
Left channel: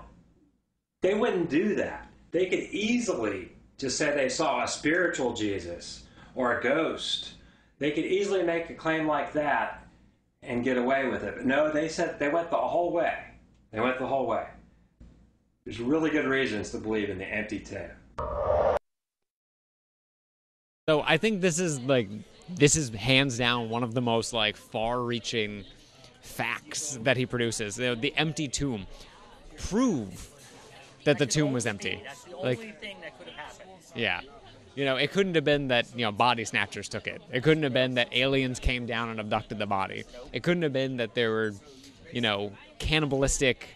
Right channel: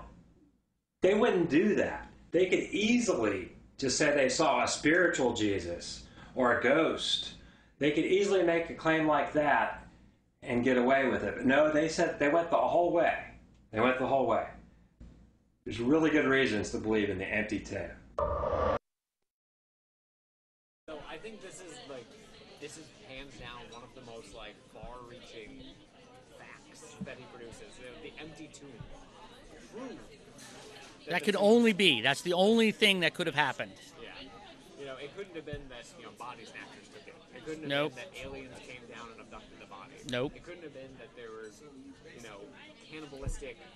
they wouldn't do that. They could easily just say they saw a spiritual Jesus or a ghost. They could easily make a claim like that and get away with it. But no, they said they went the whole way. They went the whole way. There's really good reasons to believe in the empty tomb. So I think this is hands down one of the most far-reaching facts that he produces. The empty tomb. Prove that the tomb was empty. That's the only thing that could have happened. Yeah. It couldn't have been that, body snatchers took it. It couldn't have been that aliens came down and abducted the body. Nope. It couldn't have been that there were, cannibalistic,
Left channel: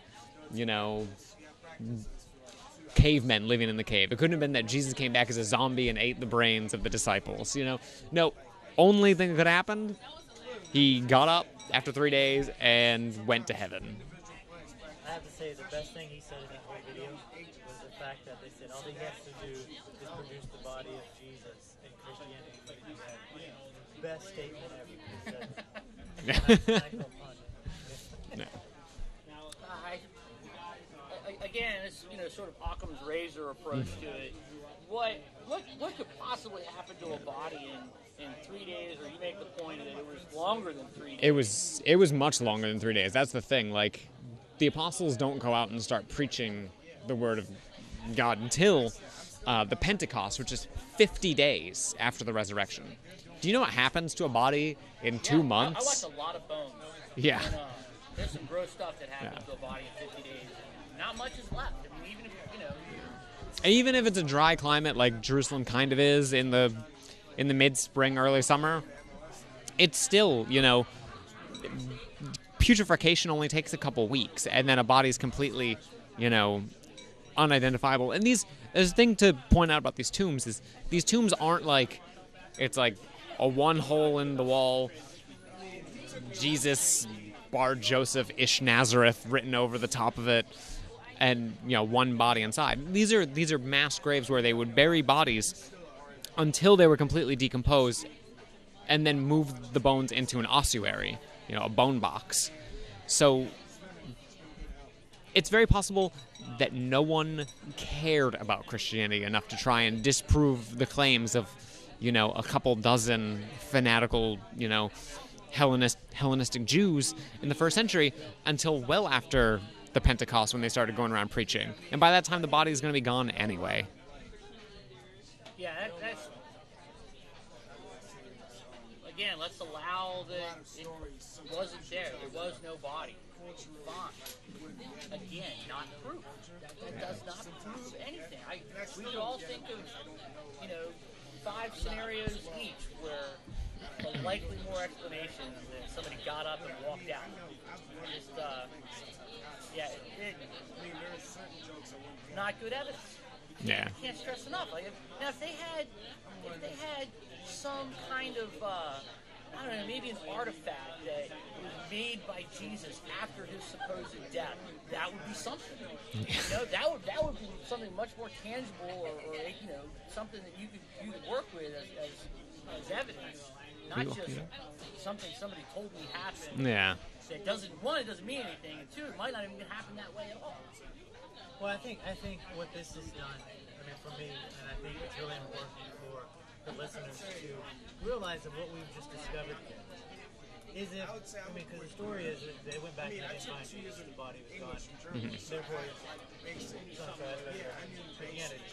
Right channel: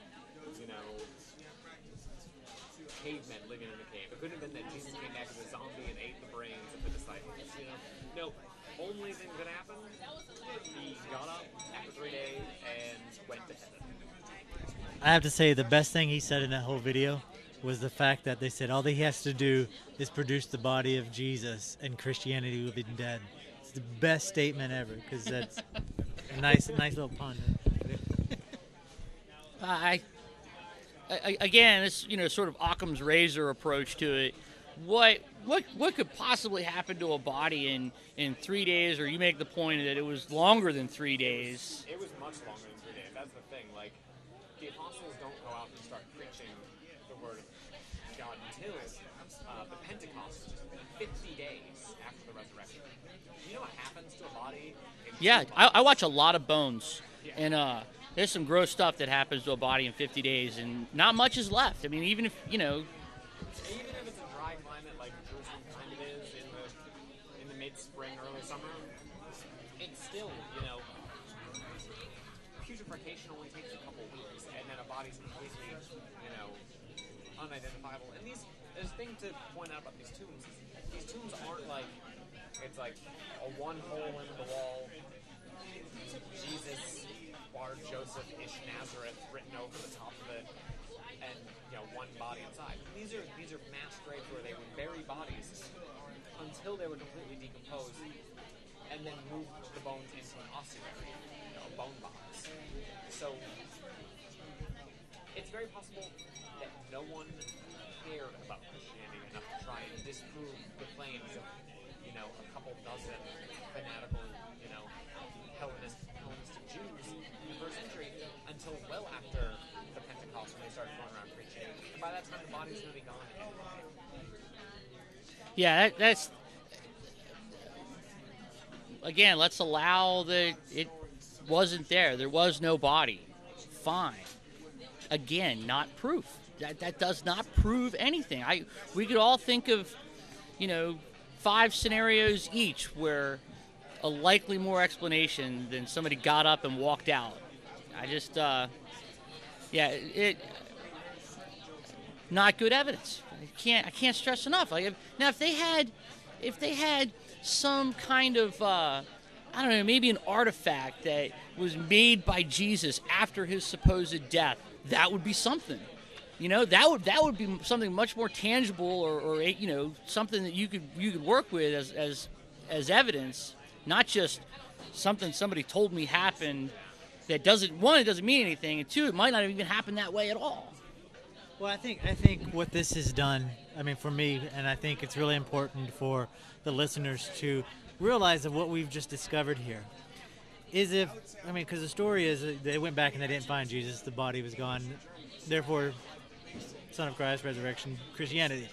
cavemen living in the cave. It couldn't have been that Jesus came back as a zombie and ate the brains of the disciples. No. Only thing that could happen, he got up after 3 days and went to heaven. I have to say the best thing he said in that whole video was the fact that they said all that he has to do is produce the body of Jesus and Christianity would have been dead. It's the best statement ever because that's a nice little pun. Again, this sort of Occam's razor approach to it. What could possibly happen to a body in 3 days? Or you make the point that it was longer than 3 days. It was much longer than 3 days. That's the thing. The apostles don't go out and start preaching the word of God until the Pentecost, which is 50 days after the resurrection. Do you know what happens to a body in 2 months? I watch a lot of Bones. Yeah. And there's some gross stuff that happens to a body in 50 days, and not much is left. I mean, even if it's a dry climate like Jerusalem kind of is in the mid-spring, early summer, it's still, putrefaction only takes a couple weeks, and then a body's completely, unidentifiable. And there's a thing to point out about these tombs is these tombs aren't it's like a one hole in the wall Jesus Bar Joseph Ish Nazareth written over the top of it, and one body inside. These are mass graves where they would bury bodies until they were completely decomposed, and then move the bones into an ossuary, a bone box. So it's very possible that no one cared about Christianity enough to try and disprove the claims of, a couple dozen fanatical, Hellenistic Jews in the first century until well after the Pentecost when they started going around preaching. And by that time, the body is going to be gone anyway. Yeah, that's... Again, let's allow that it wasn't there. There was no body. Fine. Again, not proof. That does not prove anything. We could all think of, 5 scenarios each where a likely more explanation than somebody got up and walked out. I just, Yeah, not good evidence. I can't stress enough. Like, now, if they had some kind of I don't know, maybe an artifact that was made by Jesus after his supposed death, that would be something. You know, that would be something much more tangible, or you know, something that you could work with as evidence, not just something somebody told me happened. Yeah. That doesn't mean anything, and two, it might not even happen that way at all. Well, I think what this has done, I mean, for me, and I think it's really important for the listeners to realize that what we've just discovered here is because the story is that they went back and they didn't find Jesus, the body was gone, therefore, Son of Christ, resurrection, Christianity.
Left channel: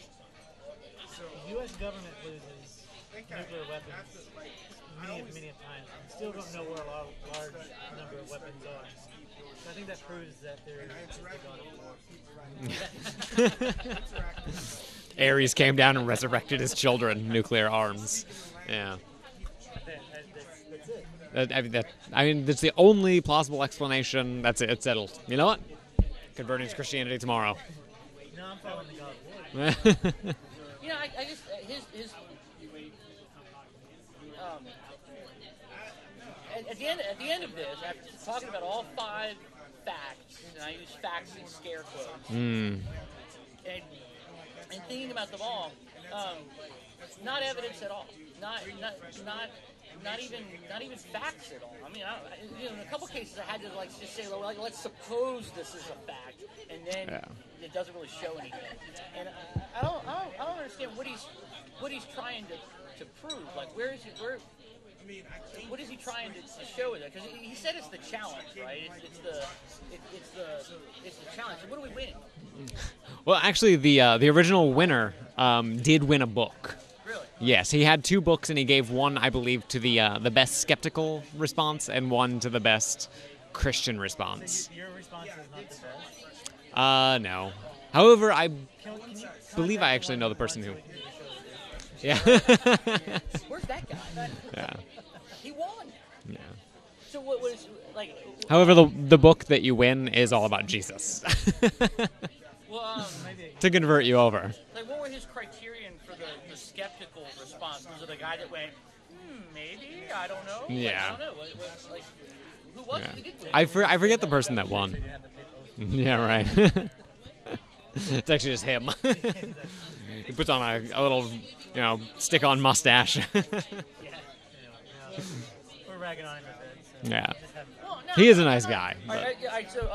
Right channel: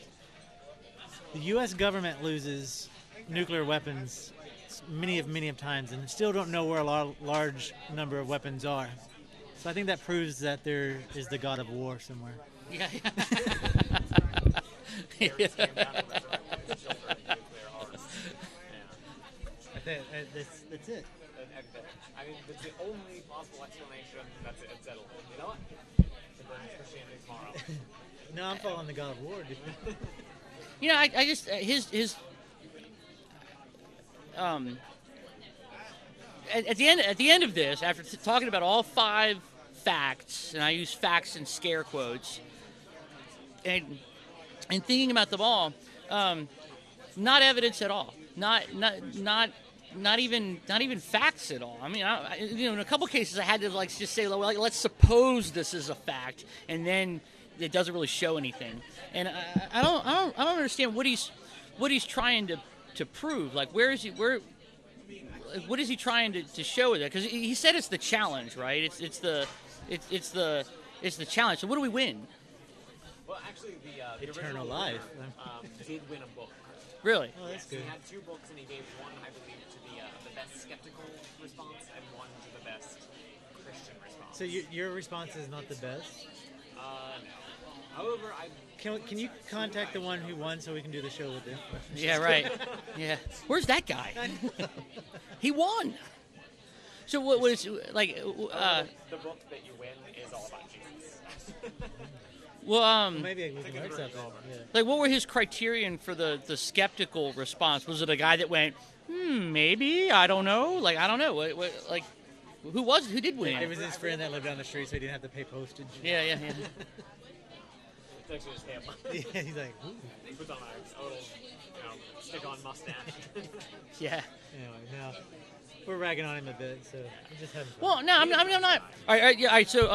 The U.S. government loses nuclear weapons many of times and still don't know where a large number of weapons are. So I think that proves that there is the God of war somewhere. Ares came down and resurrected his children, nuclear arms. Yeah. That's it. I mean, that's the only plausible explanation. That's it. It's settled. You know what? Converting to Christianity tomorrow. No, I'm following the God of war, dude. You know, I just his at the end of this, after talking about all 5 facts, and I use facts in scare quotes, and thinking about them all, not evidence at all, not even facts at all. I mean, in a couple cases, I had to just say, well, let's suppose this is a fact, and then it doesn't really show anything. And I don't understand what he's trying to prove. Like, what is he trying to show with it? Because he said it's the challenge, right? It's the challenge. So what do we win? Well, actually, the original winner did win a book. Really? Yes, he had 2 books, and he gave one, I believe, to the best skeptical response, and one to the best Christian response. So your response is not the best? No. However, I Can you believe I actually know the person so who. we can do the show with him? Yeah, right. Yeah. Where's that guy? Yeah. He won. Yeah. So what is like? However, the book that you win is all about Jesus. Well, to convert you over. like, what were his criterion for the skeptical response? Was it a guy that went, maybe, I don't know, like, I don't know, what like, who did win? I forget the person that won. So he didn't have to pay postage. Yeah, right. It's actually just him. He's like, He puts on a little, stick-on mustache. Yeah. no. We're ragging on him a bit. So Yeah. just having fun. Well, no, He is a I'm nice not- guy. All right, yeah, all right. So,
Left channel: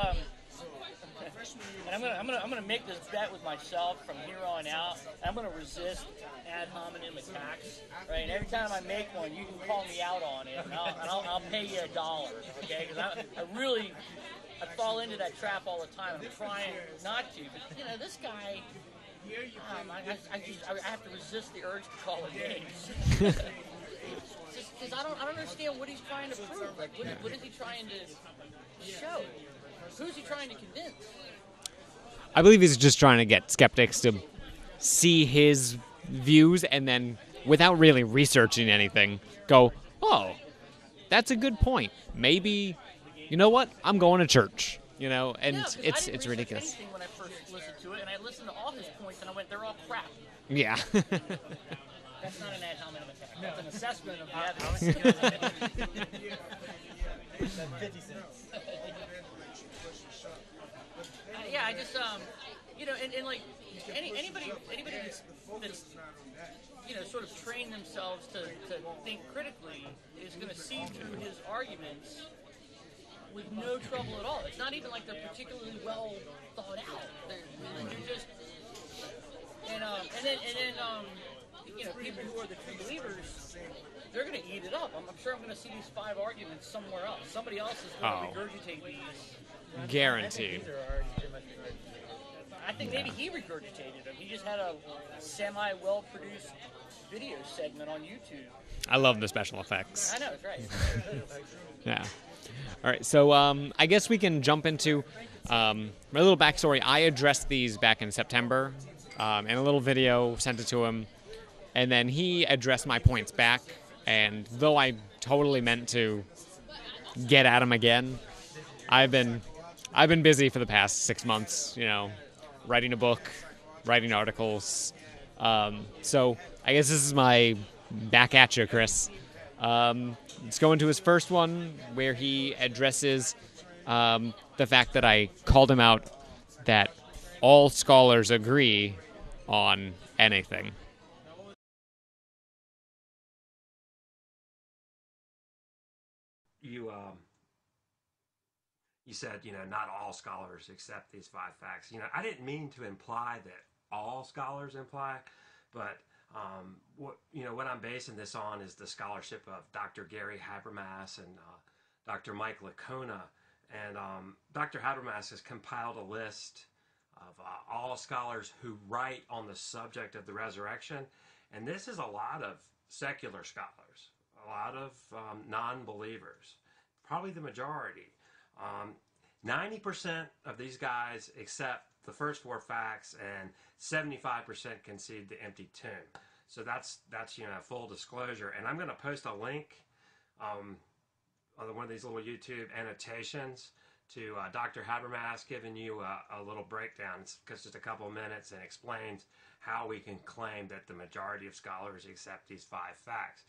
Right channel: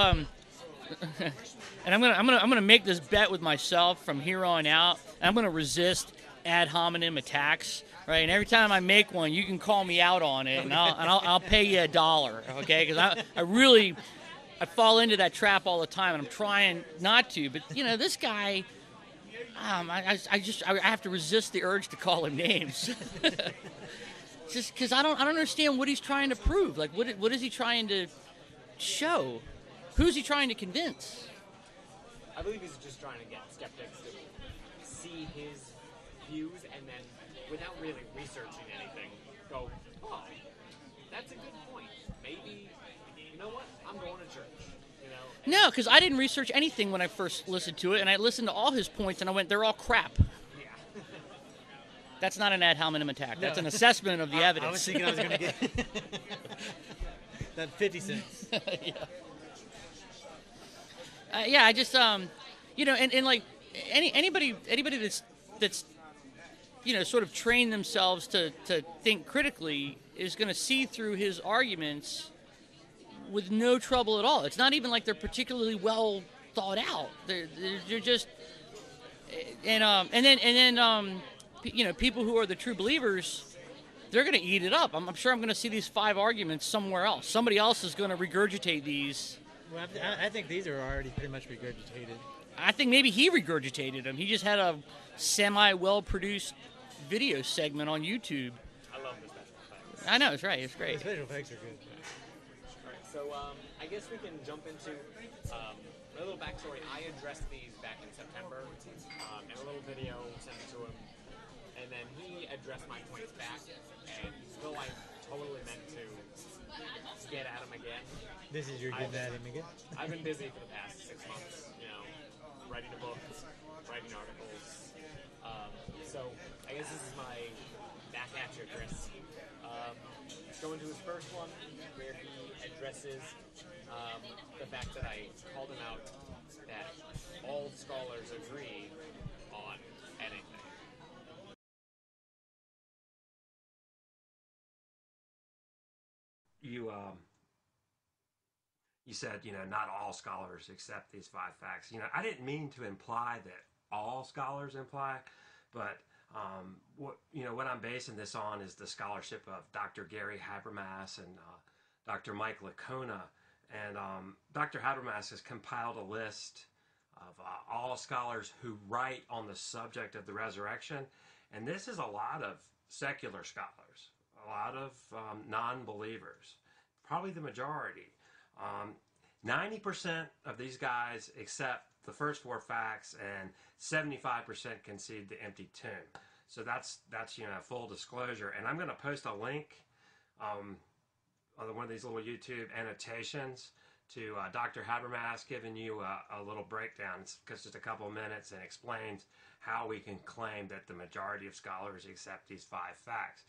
and I'm gonna make this bet with myself from here on out. I'm gonna resist ad hominem attacks. Right, and every time I make one, you can call me out on it, and I'll pay you $1. Okay, because I fall into that trap all the time, and I'm trying not to. But this guy, I have to resist the urge to call him names. Just because I don't understand what he's trying to prove. Like, what is he trying to show? Who's he trying to convince? I believe he's just trying to get skeptics to see his views and then, without really researching anything, go, oh, that's a good point. Maybe, you know what? I'm going to church. And No, because I didn't research ridiculous. anything when I first listened to it, and I listened to all his points, and I went, they're all crap. Yeah. That's not an ad hominem attack. That's an assessment of the I was evidence. thinking I was gonna get that 50 cents. Yeah, I just and like anybody that's sort of trained themselves to think critically is going to see through his arguments with no trouble at all. It's not even like they're particularly well thought out. They're just and then people who are the true believers, they're going to eat it up. I'm sure I'm going to see these 5 arguments somewhere else. Somebody else is going to regurgitate these. I Guaranteed. think these are already pretty much regurgitated. I think maybe he regurgitated them. He just had a semi-well-produced video segment on YouTube. I love the special effects. I know, it's right. It's great. Special effects are good. Yeah. All right, so I guess we can jump into my little backstory. I addressed these back in September in a little video, sent it to him, and then he addressed my points back. And though I totally meant to get at him again, This is your I've been busy for the past 6 months, writing a book, writing articles. So I guess this is my back at you, Chris. Let's go into his first one where he addresses the fact that I called him out that all scholars agree on anything. You said, not all scholars accept these 5 facts. I didn't mean to imply that all scholars imply, but what I'm basing this on is the scholarship of Dr. Gary Habermas and Dr. Mike Licona. And Dr. Habermas has compiled a list of all scholars who write on the subject of the resurrection. And this is a lot of secular scholars, a lot of non-believers, probably the majority. 90% of these guys accept the first 4 facts, and 75% concede the empty tomb. So that's full disclosure. And I'm going to post a link on one of these little YouTube annotations to Dr. Habermas giving you a little breakdown. It's just a couple of minutes and explains how we can claim that the majority of scholars accept these 5 facts.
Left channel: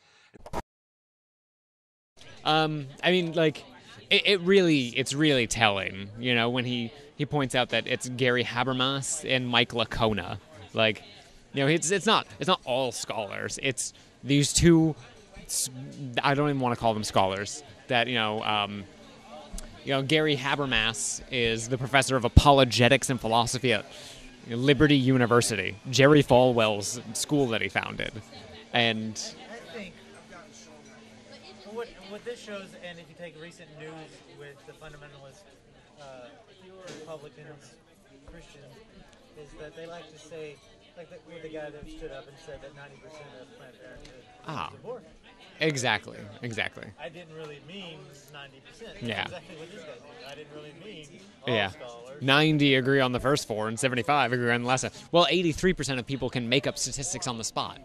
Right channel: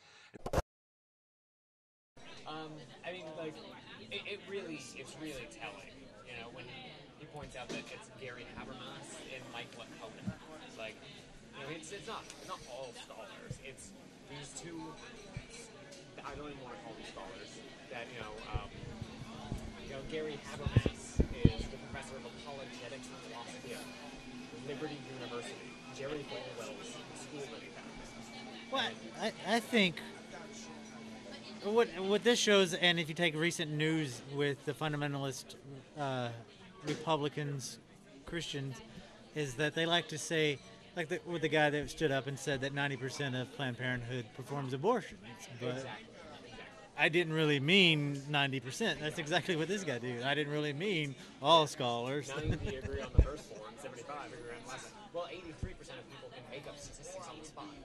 It's really telling, when he points out that it's Gary Habermas and Mike Licona. It's not all scholars. It's these two. I don't even want to call them scholars. That Gary Habermas is the professor of apologetics and philosophy at Liberty University, Jerry Falwell's school that he founded, and I think. What this shows, and if you take recent news with the fundamentalist Republicans, Christians, is that they like to say, with the guy that stood up and said that 90% of Planned Parenthood performs abortion. Exactly. I didn't really mean 90%. That's exactly what this guy did. I didn't really mean all scholars. 90 agree on the first 4 and 75 agree on the last one. Well, 83% of people can make up statistics on the spot,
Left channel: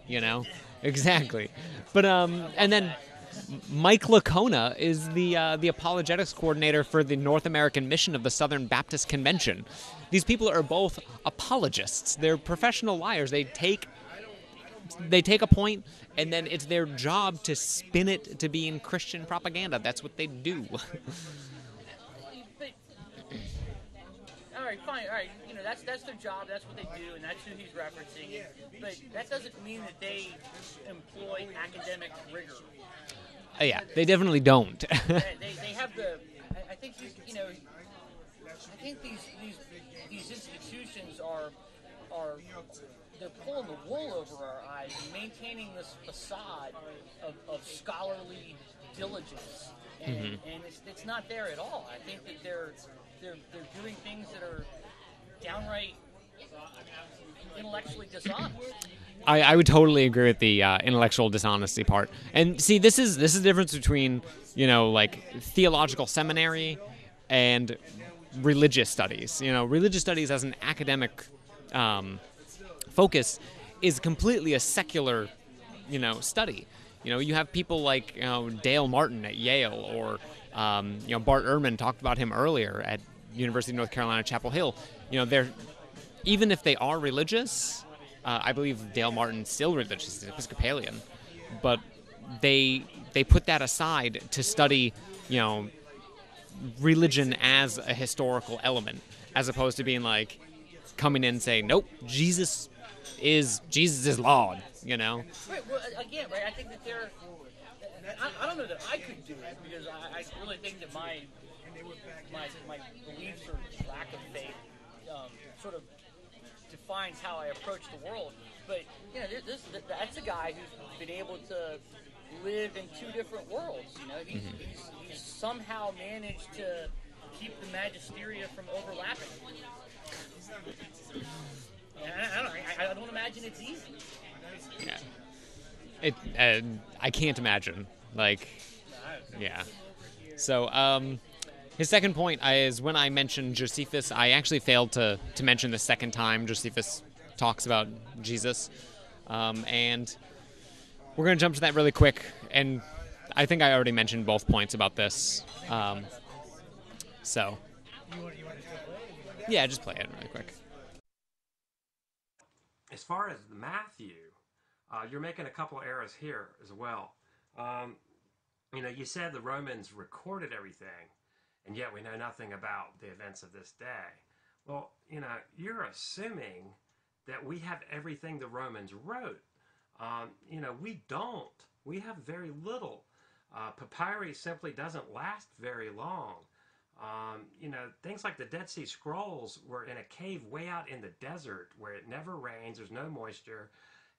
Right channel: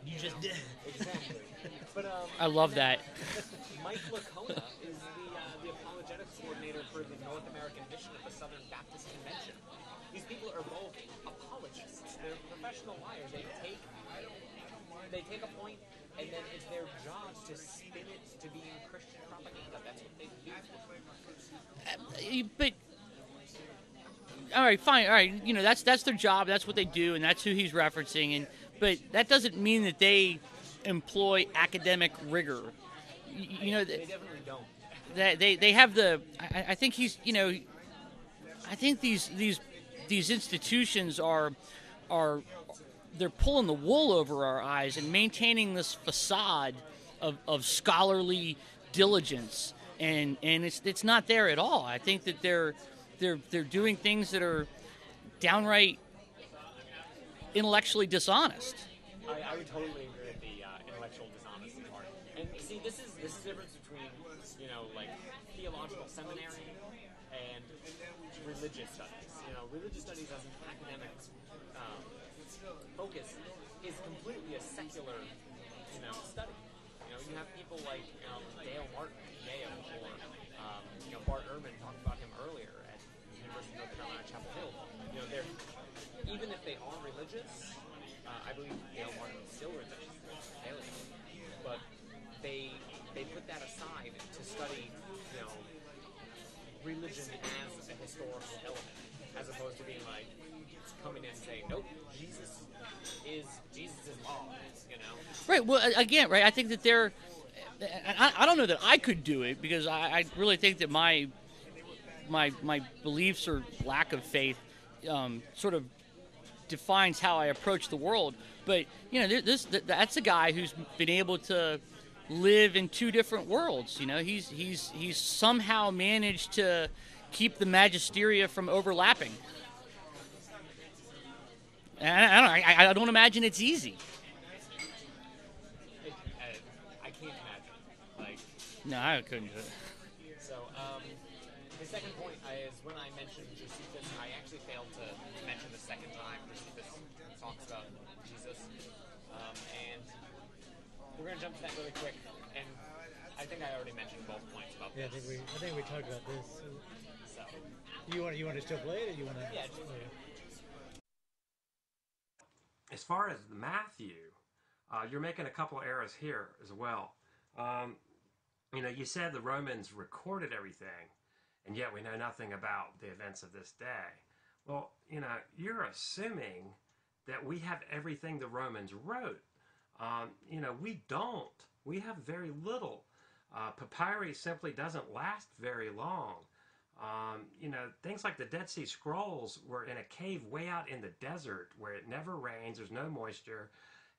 Exactly. But I love that. Mike Licona is the apologetics coordinator for the North American mission of the Southern Baptist Convention. These people are both apologists. They're professional liars. They take a point, and then it's their job to spin it to being Christian propaganda. That's what they do. But all right, fine. All right, that's their job. That's what they do, and that's who he's referencing. But that doesn't mean that they employ academic rigor. They definitely don't. they have the. I think he's. I think these institutions are they're pulling the wool over our eyes and maintaining this facade of scholarly diligence, and it's not there at all. I think that they're doing things that are downright intellectually dishonest. I would totally agree with the intellectual dishonesty part. And see, this is the difference between, theological seminary and religious studies. Religious studies as an academic focus is completely a secular, study. You have people like Dale Martin at Yale, or Bart Ehrman talked about him earlier at University of North Carolina, Chapel Hill. They're, even if they are religious, I believe Dale Martin's still religious, he's Episcopalian, but they put that aside to study, religion as a historical element, as opposed to being like coming in and saying, nope, Jesus is Lord, Right. Well, again, right. I think that they're. I don't know that I could do it, because I really think that my beliefs or lack of faith sort of defines how I approach the world. But that's a guy who's been able to live in 2 different worlds. He's somehow managed to keep the magisteria from overlapping. And I don't imagine it's easy. I can't imagine. No, I couldn't. Yeah. So, his second point is, when I mentioned Josephus, I actually failed to mention the second time Josephus talks about Jesus. And we're going to jump to that really quick. And I think I already mentioned both points about this. So, You want to still play it, or you want to? yeah, just play it really quick. As far as Matthew, you're making a couple errors here as well. You said the Romans recorded everything, and yet we know nothing about the events of this day. Well, you're assuming that we have everything the Romans wrote. We don't. We have very little. Papyrus simply doesn't last very long. Things like the Dead Sea Scrolls were in a cave way out in the desert where it never rains, there's no moisture,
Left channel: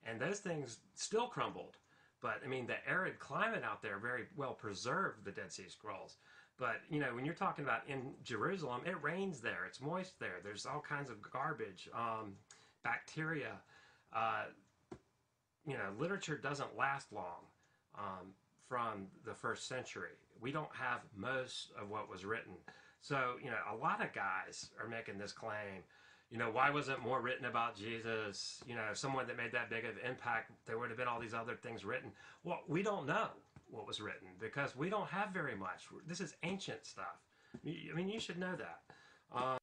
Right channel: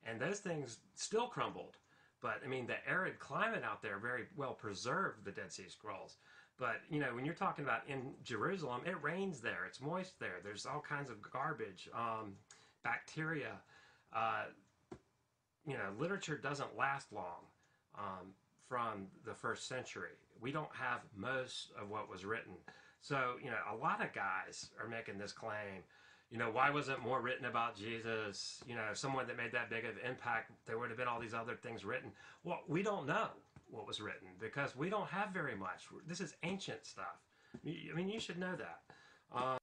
and those things still crumbled. But, the arid climate out there very well preserved the Dead Sea Scrolls. But, when you're talking about in Jerusalem, it rains there, it's moist there, there's all kinds of garbage, bacteria. Literature doesn't last long from the first century. We don't have most of what was written. So, a lot of guys are making this claim, why wasn't more written about Jesus? Someone that made that big of an impact, there would have been all these other things written. Well, we don't know what was written because we don't have very much. This is ancient stuff. You should know that.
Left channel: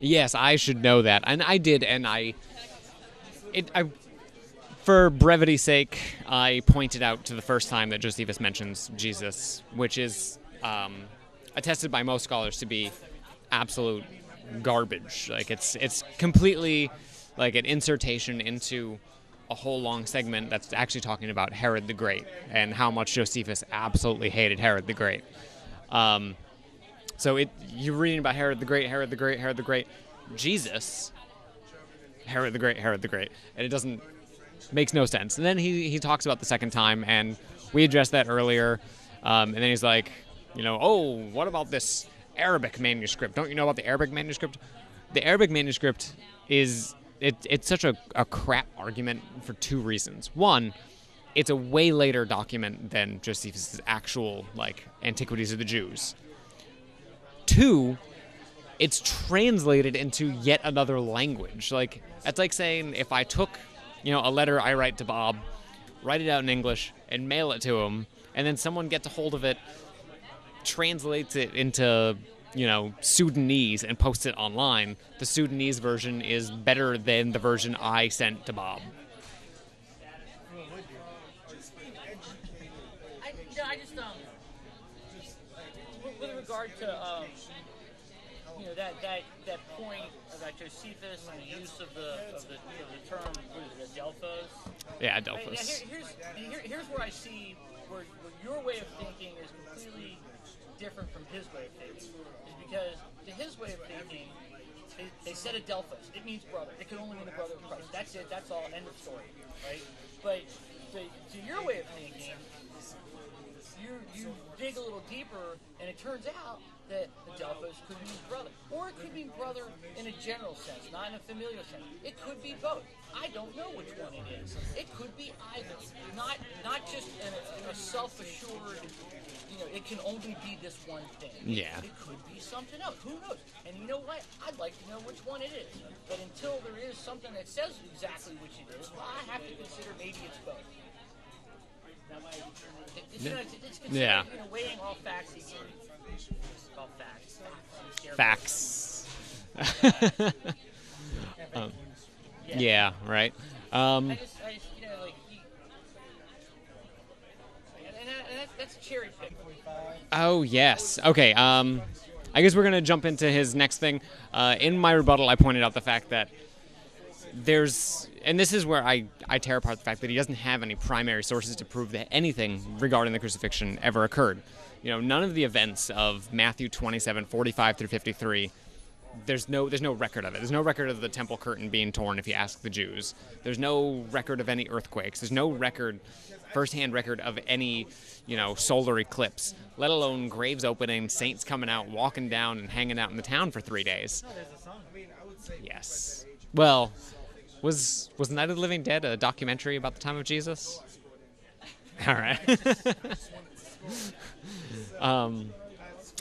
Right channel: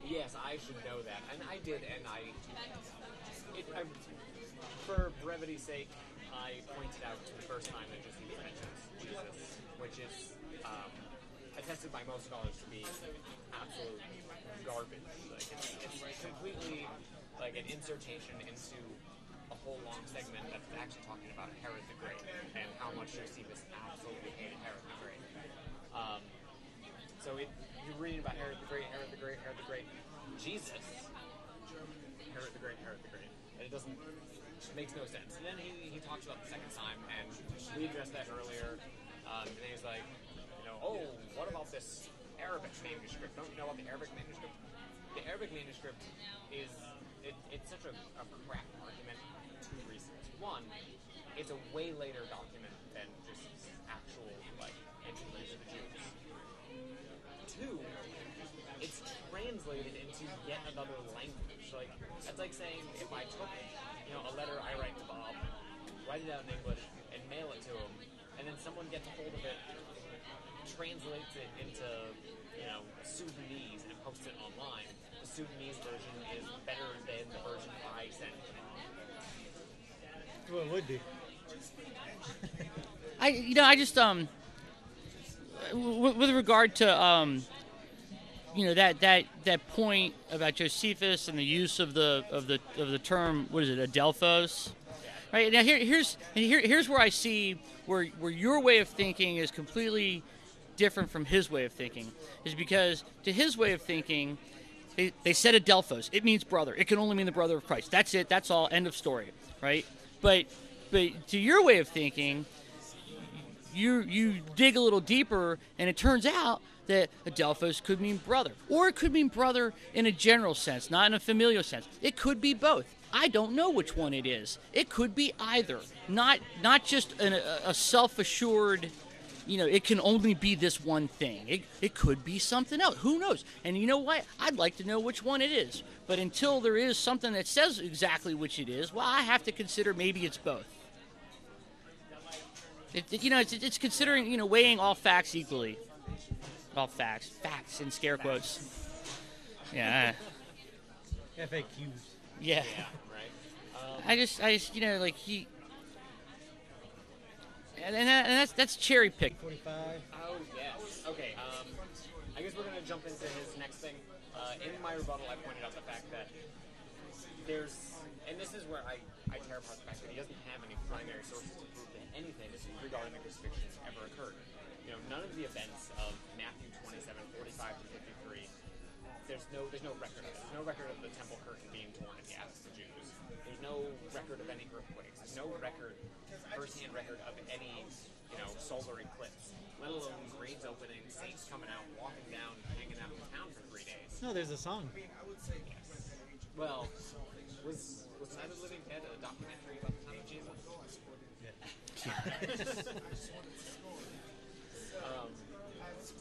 Yes, I should know that. And I did, and for brevity's sake, I pointed out to the first time that Josephus mentions Jesus, which is attested by most scholars to be absolute garbage. Like it's completely like an insertion into a whole long segment that's actually talking about Herod the Great and how much Josephus absolutely hated Herod the Great. So you're reading about Herod the Great, Herod the Great, Herod the Great, Jesus, Herod the Great, Herod the Great, and it makes no sense. And then he talks about the second time, and we addressed that earlier, and then he's like, oh, what about this Arabic manuscript? Don't you know about the Arabic manuscript? The Arabic manuscript it's such a crap argument for two reasons. One, it's a way later document than Josephus' actual Antiquities of the Jews. Two, it's translated into yet another language. It's like saying if I took, a letter I write to Bob, write it out in English, and mail it to him, and then someone gets a hold of it, translates it into, Sudanese and posts it online. The Sudanese version is better than the version I sent to Bob. Well, it would be. I just with regard to that point about Josephus and the use of the term, what is it, adelphos? Yeah, adelphos. Right, now here's where I see where your way of thinking is completely different from his way of thinking, is because to his way of thinking, they said adelphos. It means brother. It can only mean the brother of Christ. That's it. That's all. End of story. Right? But to your way of thinking, you dig a little deeper, and it turns out that adelphos could mean brother, or it could mean brother in a general sense, not in a familial sense. It could be both. I don't know which one it is. It could be either. Not just a self-assured, it can only be this one thing. It could be something else. Who knows? And you know what? I'd like to know which one it is. But until there is something that says exactly which it is, well, I have to consider maybe it's both. It's considering, weighing all facts equally. All facts in scare quotes. Yeah. FAQs. Yeah, right. I just he, and that's cherry pick. Oh yes. Okay. I guess we're gonna jump into his next thing. In my rebuttal, I pointed out the fact that and this is where I tear apart the fact that he doesn't have any primary sources to prove that anything regarding the crucifixion ever occurred. None of the events of Matthew 27:45 through 53. There's no record of it. There's no record of the temple curtain being torn if you ask the Jews. There's no record of any earthquakes. There's no firsthand record of any, solar eclipse, let alone graves opening, saints coming out, walking down, and hanging out in the town for 3 days. No, there's a song. Yes. Well, was Night of the Living Dead a documentary about the time of Jesus? All right.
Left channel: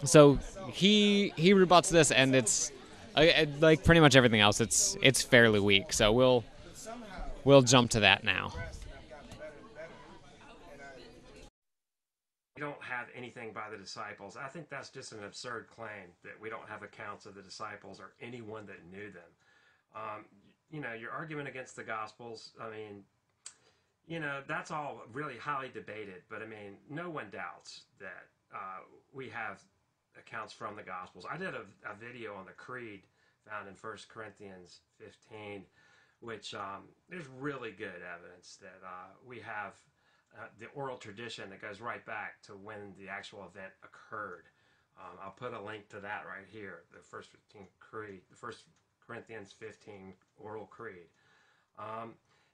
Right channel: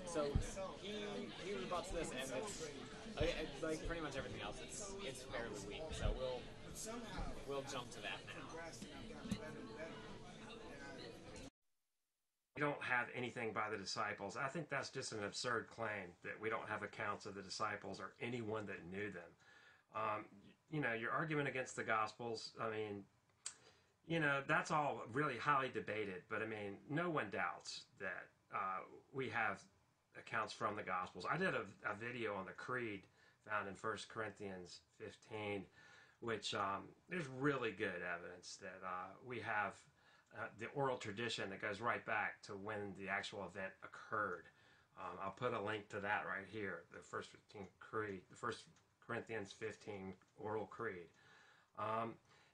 So he rebuts this, and it's like pretty much everything else. It's fairly weak. So we'll jump to that now. don't have anything by the disciples. I think that's just an absurd claim that we don't have accounts of the disciples or anyone that knew them. You know, your argument against the Gospels, I mean, you know, that's all really highly debated, but I mean, no one doubts that we have accounts from the Gospels. I did a video on the Creed found in 1 Corinthians 15, which there's really good evidence that we have the oral tradition that goes right back to when the actual event occurred. I'll put a link to that right here, the 1 Corinthians 15 oral creed.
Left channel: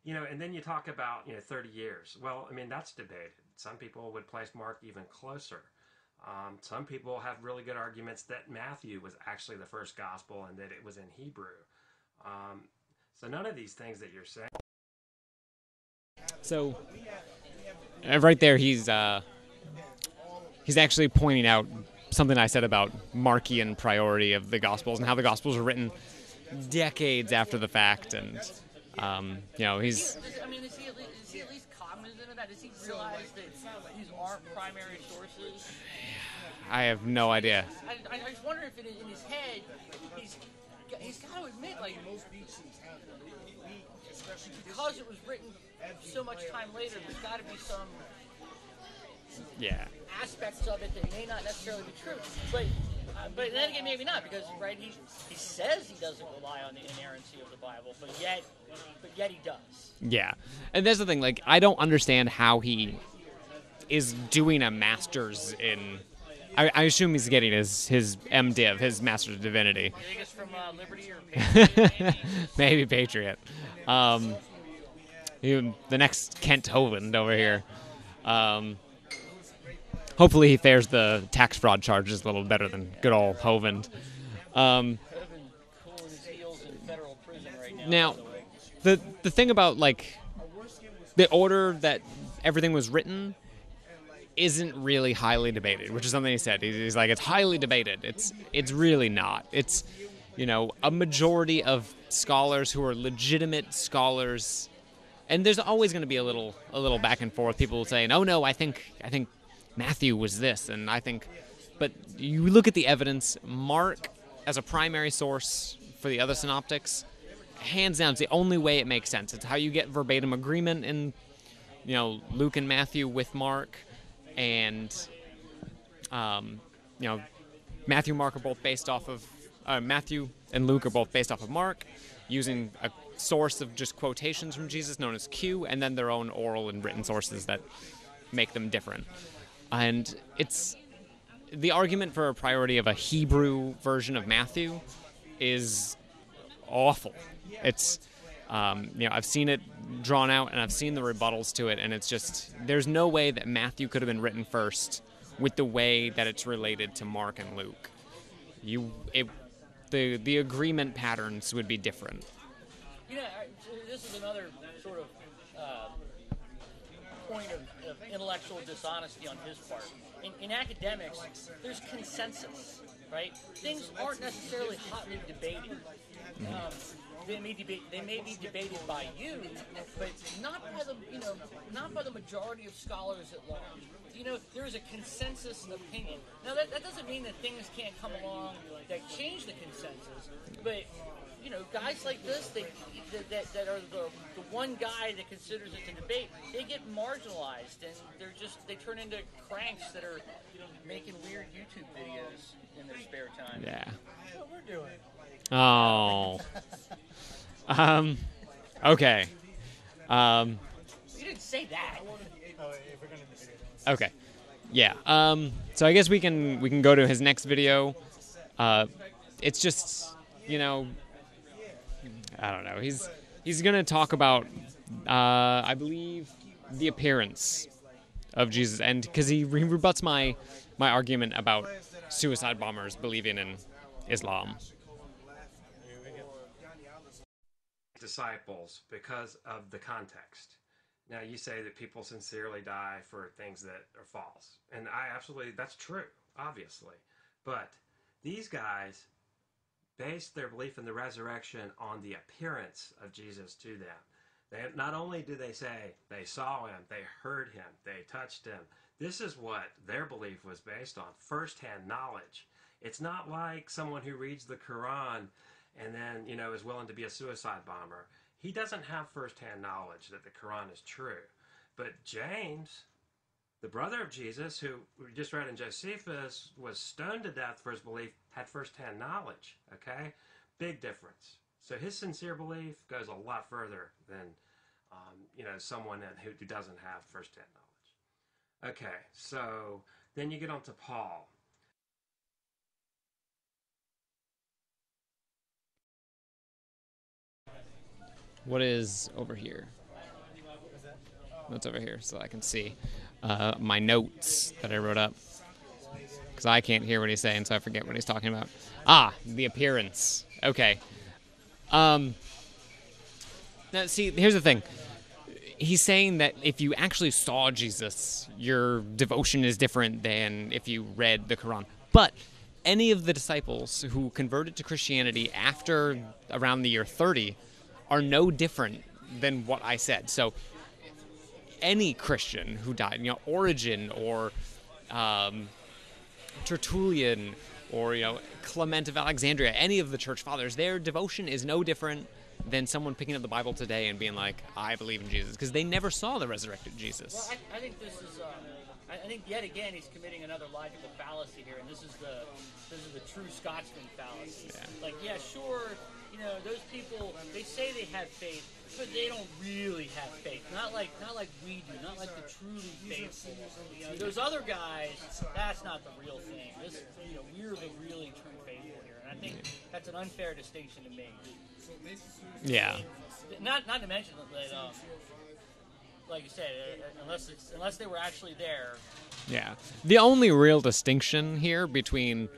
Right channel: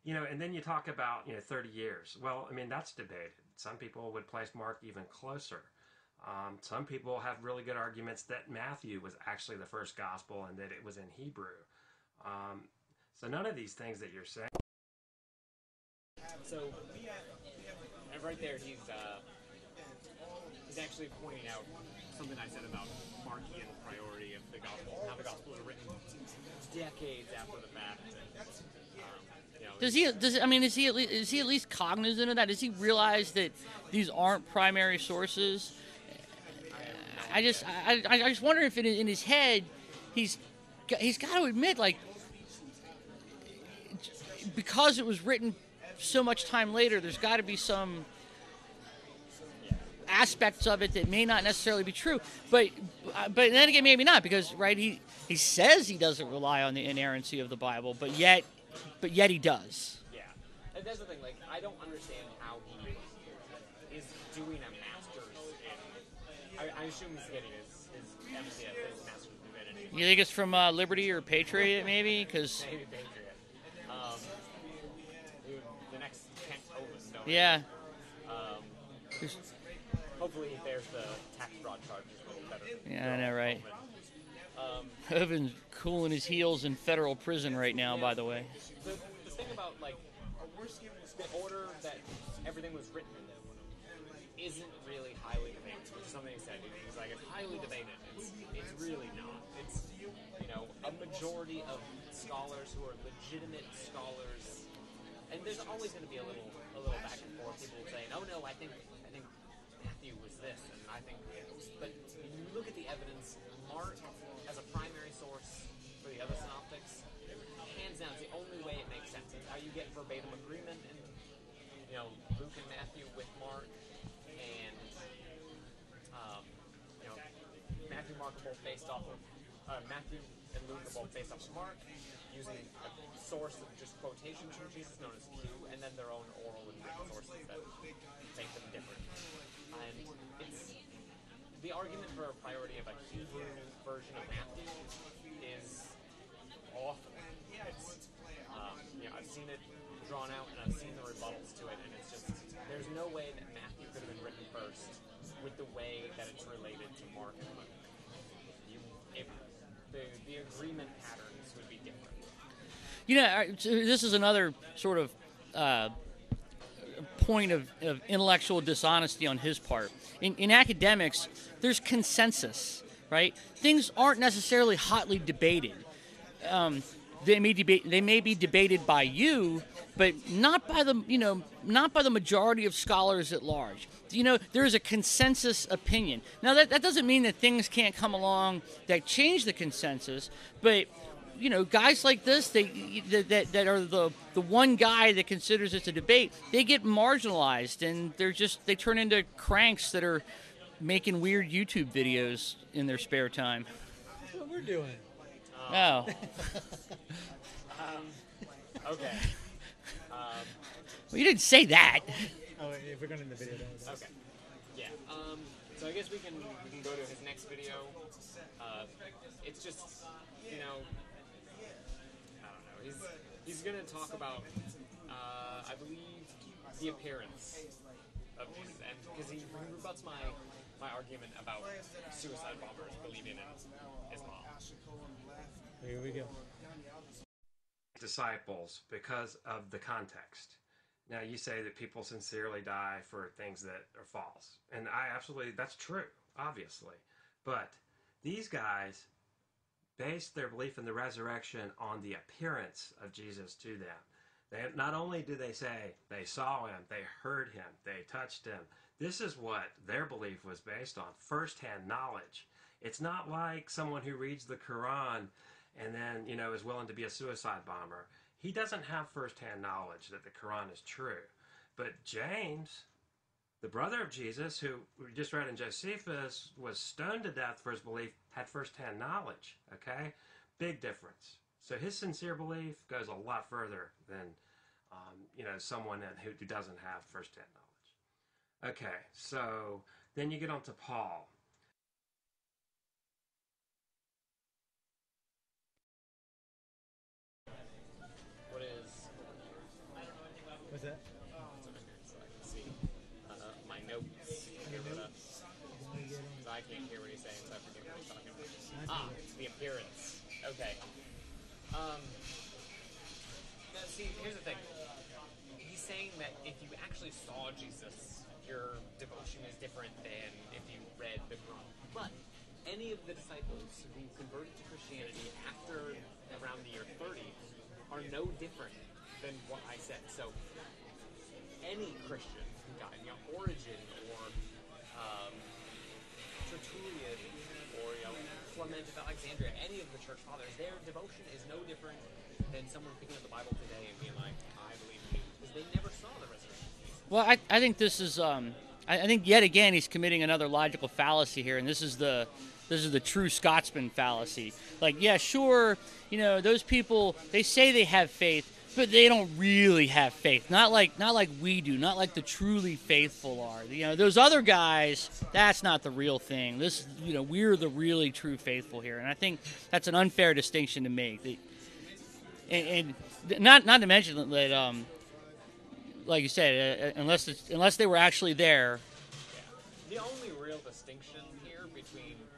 You know, and then you talk about, you know, 30 years. Well, I mean, that's debated. Some people would place Mark even closer. Some people have really good arguments that Matthew was actually the first gospel and that it was in Hebrew. So none of these things that you're saying. So, right there, he's actually pointing out something I said about Markian priority of the Gospels and how the Gospels were written decades after the fact, and you know, is he at least cognizant of that? Does he realize that these aren't primary sources? I have no idea. I just wonder if in his head he's got to admit, like, because it was written so much time later, there's got to be some aspects of it that may not necessarily be true. But then again, maybe not, because right, he says he doesn't rely on the inerrancy of the Bible, but yet he does. Yeah, and that's the thing. Like, I don't understand how he is doing a master's in. I assume he's getting his MDiv, his Master's of Divinity. You think it's from Liberty or Patriot, maybe? Maybe Patriot. The next Kent Hovind over here. Hopefully he fares the tax fraud charges a little better than good old Hovind. Hovind's cooling his heels in federal prison right now, by the way. The thing about, like, the order that everything was written isn't really highly debated, which is something he said. He's like, it's highly debated. It's really not. It's, you know, a majority of scholars who are legitimate scholars, and there's always going to be a little back and forth. People saying, "Oh no, I think Matthew was this," and I think, but you look at the evidence. Mark, as a primary source for the other synoptics, hands down, it's the only way it makes sense. It's how you get verbatim agreement in, you know, Luke and Matthew with Mark. And, you know, Matthew and Mark are both based off of, Matthew and Luke are both based off of Mark, using a source of just quotations from Jesus known as Q, and then their own oral and written sources that make them different. And it's, the argument for a priority of a Hebrew version of Matthew is awful. It's, you know, I've seen it drawn out, and I've seen the rebuttals to it, and it's just, there's no way that Matthew could have been written first with the way that it's related to Mark and Luke. The agreement patterns would be different. You know, this is another sort of point of intellectual dishonesty on his part. In academics, there's consensus, right? Things aren't necessarily hotly debated. They may be debated by you, but not by the majority of scholars at large. You know, there is a consensus opinion. Now that doesn't mean that things can't come along that change the consensus, but you know, guys like this, that are the one guy that considers it a debate, they get marginalized, and they turn into cranks that are making weird YouTube videos in their spare time. Yeah. That's what we're doing. Oh. Okay. Well, you didn't say that. Oh, if we're going to the video, then Okay. Yeah. So I guess we can go to his next video. It's just, you know, I don't know. He's gonna talk about, I believe, the appearance of Jesus, and because he rebuts my argument about suicide bombers believing in Islam. here we go. Disciples because of the context. Now, you say that people sincerely die for things that are false, and that's true, obviously. But these guys based their belief in the resurrection on the appearance of Jesus to them. Not only do they say they saw him, they heard him, they touched him, This is what their belief was based on, firsthand knowledge. It's not like someone who reads the Quran and then, is willing to be a suicide bomber. He doesn't have firsthand knowledge that the Quran is true. But James, the brother of Jesus, who we just read in Josephus, was stoned to death for his belief, had firsthand knowledge, okay? Big difference. So his sincere belief goes a lot further than, someone who doesn't have firsthand knowledge. Okay, so then you get on to Paul. What is over here? What's that? What's over here so I can see my notes that I wrote up? Because I can't hear what he's saying, so I forget what he's talking about. Ah, the appearance. Okay. Now, see, here's the thing. He's saying that if you actually saw Jesus, your devotion is different than if you read the Quran. But any of the disciples who converted to Christianity after around the year 30 are no different than what I said. So any Christian who died, Origen or Tertullian or, Clement of Alexandria, any of the church fathers, their devotion is no different than someone picking up the Bible today and being like, I believe in Jesus, because they never saw the resurrected Jesus. Well, I think this is, I think yet again he's committing another logical fallacy here, and this is the true Scotsman fallacy. Like, yeah, sure, those people, they say they have faith, but they don't really have faith. Not like we do. Not like the truly faithful are. Those other guys, that's not the real thing. This, we're the really true faithful here, and I think that's an unfair distinction to make. Yeah. And not to mention that, like you said, unless they were actually there. Yeah. The only real distinction here between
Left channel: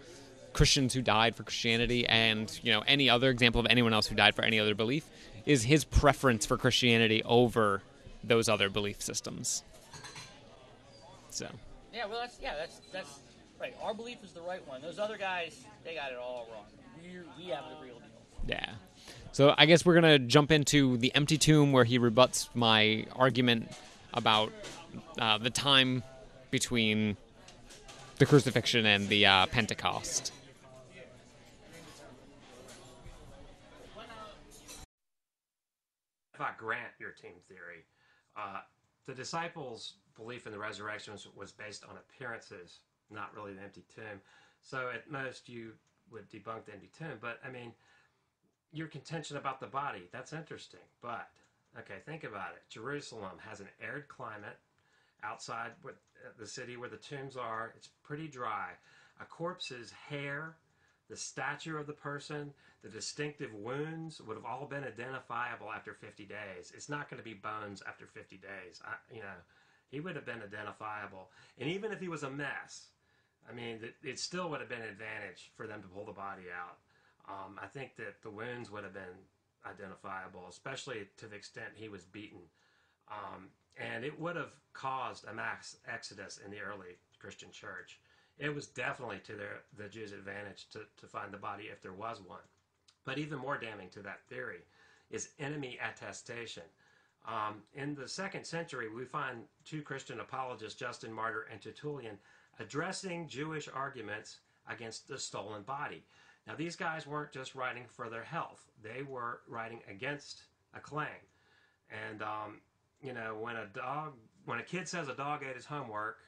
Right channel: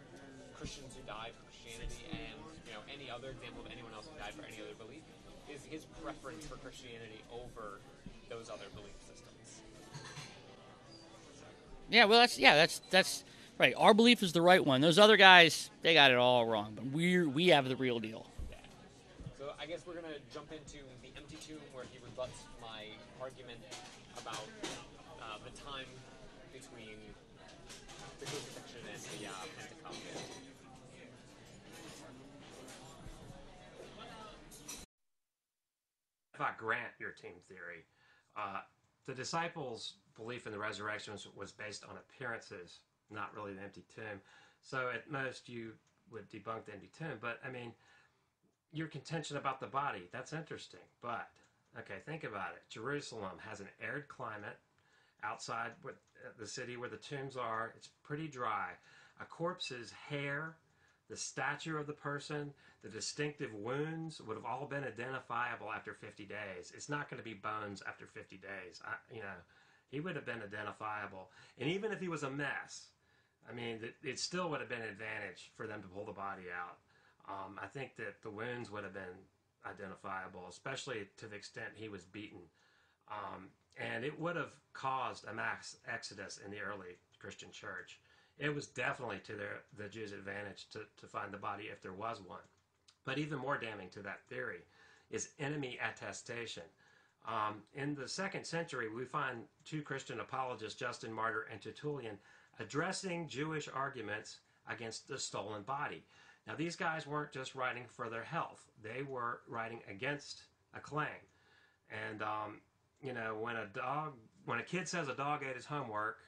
Christians who died for Christianity and, any other example of anyone else who died for any other belief is his preference for Christianity over those other belief systems. So. Yeah, well, that's right. Our belief is the right one. Those other guys, they got it all wrong. But we have the real deal. Yeah. So I guess we're going to jump into the empty tomb where he rebuts my argument about the time between the crucifixion and the Pentecost. If I grant your team theory, the disciples' belief in the resurrection was based on appearances, not really the empty tomb. So at most you would debunk the empty tomb. But, your contention about the body, that's interesting. But, okay, think about it. Jerusalem has an arid climate outside the city where the tombs are. It's pretty dry. A corpse's hair, the stature of the person, the distinctive wounds would have all been identifiable after 50 days. It's not going to be bones after 50 days. He would have been identifiable. And even if he was a mess, it still would have been an advantage for them to pull the body out. I think that the wounds would have been identifiable, especially to the extent he was beaten. And it would have caused a mass exodus in the early Christian church. It was definitely to the Jews' advantage to find the body if there was one. But even more damning to that theory is enemy attestation. In the 2nd century, we find two Christian apologists, Justin Martyr and Tertullian, addressing Jewish arguments against the stolen body. Now, these guys weren't just writing for their health. They were writing against a claim. And, when a kid says a dog ate his homework,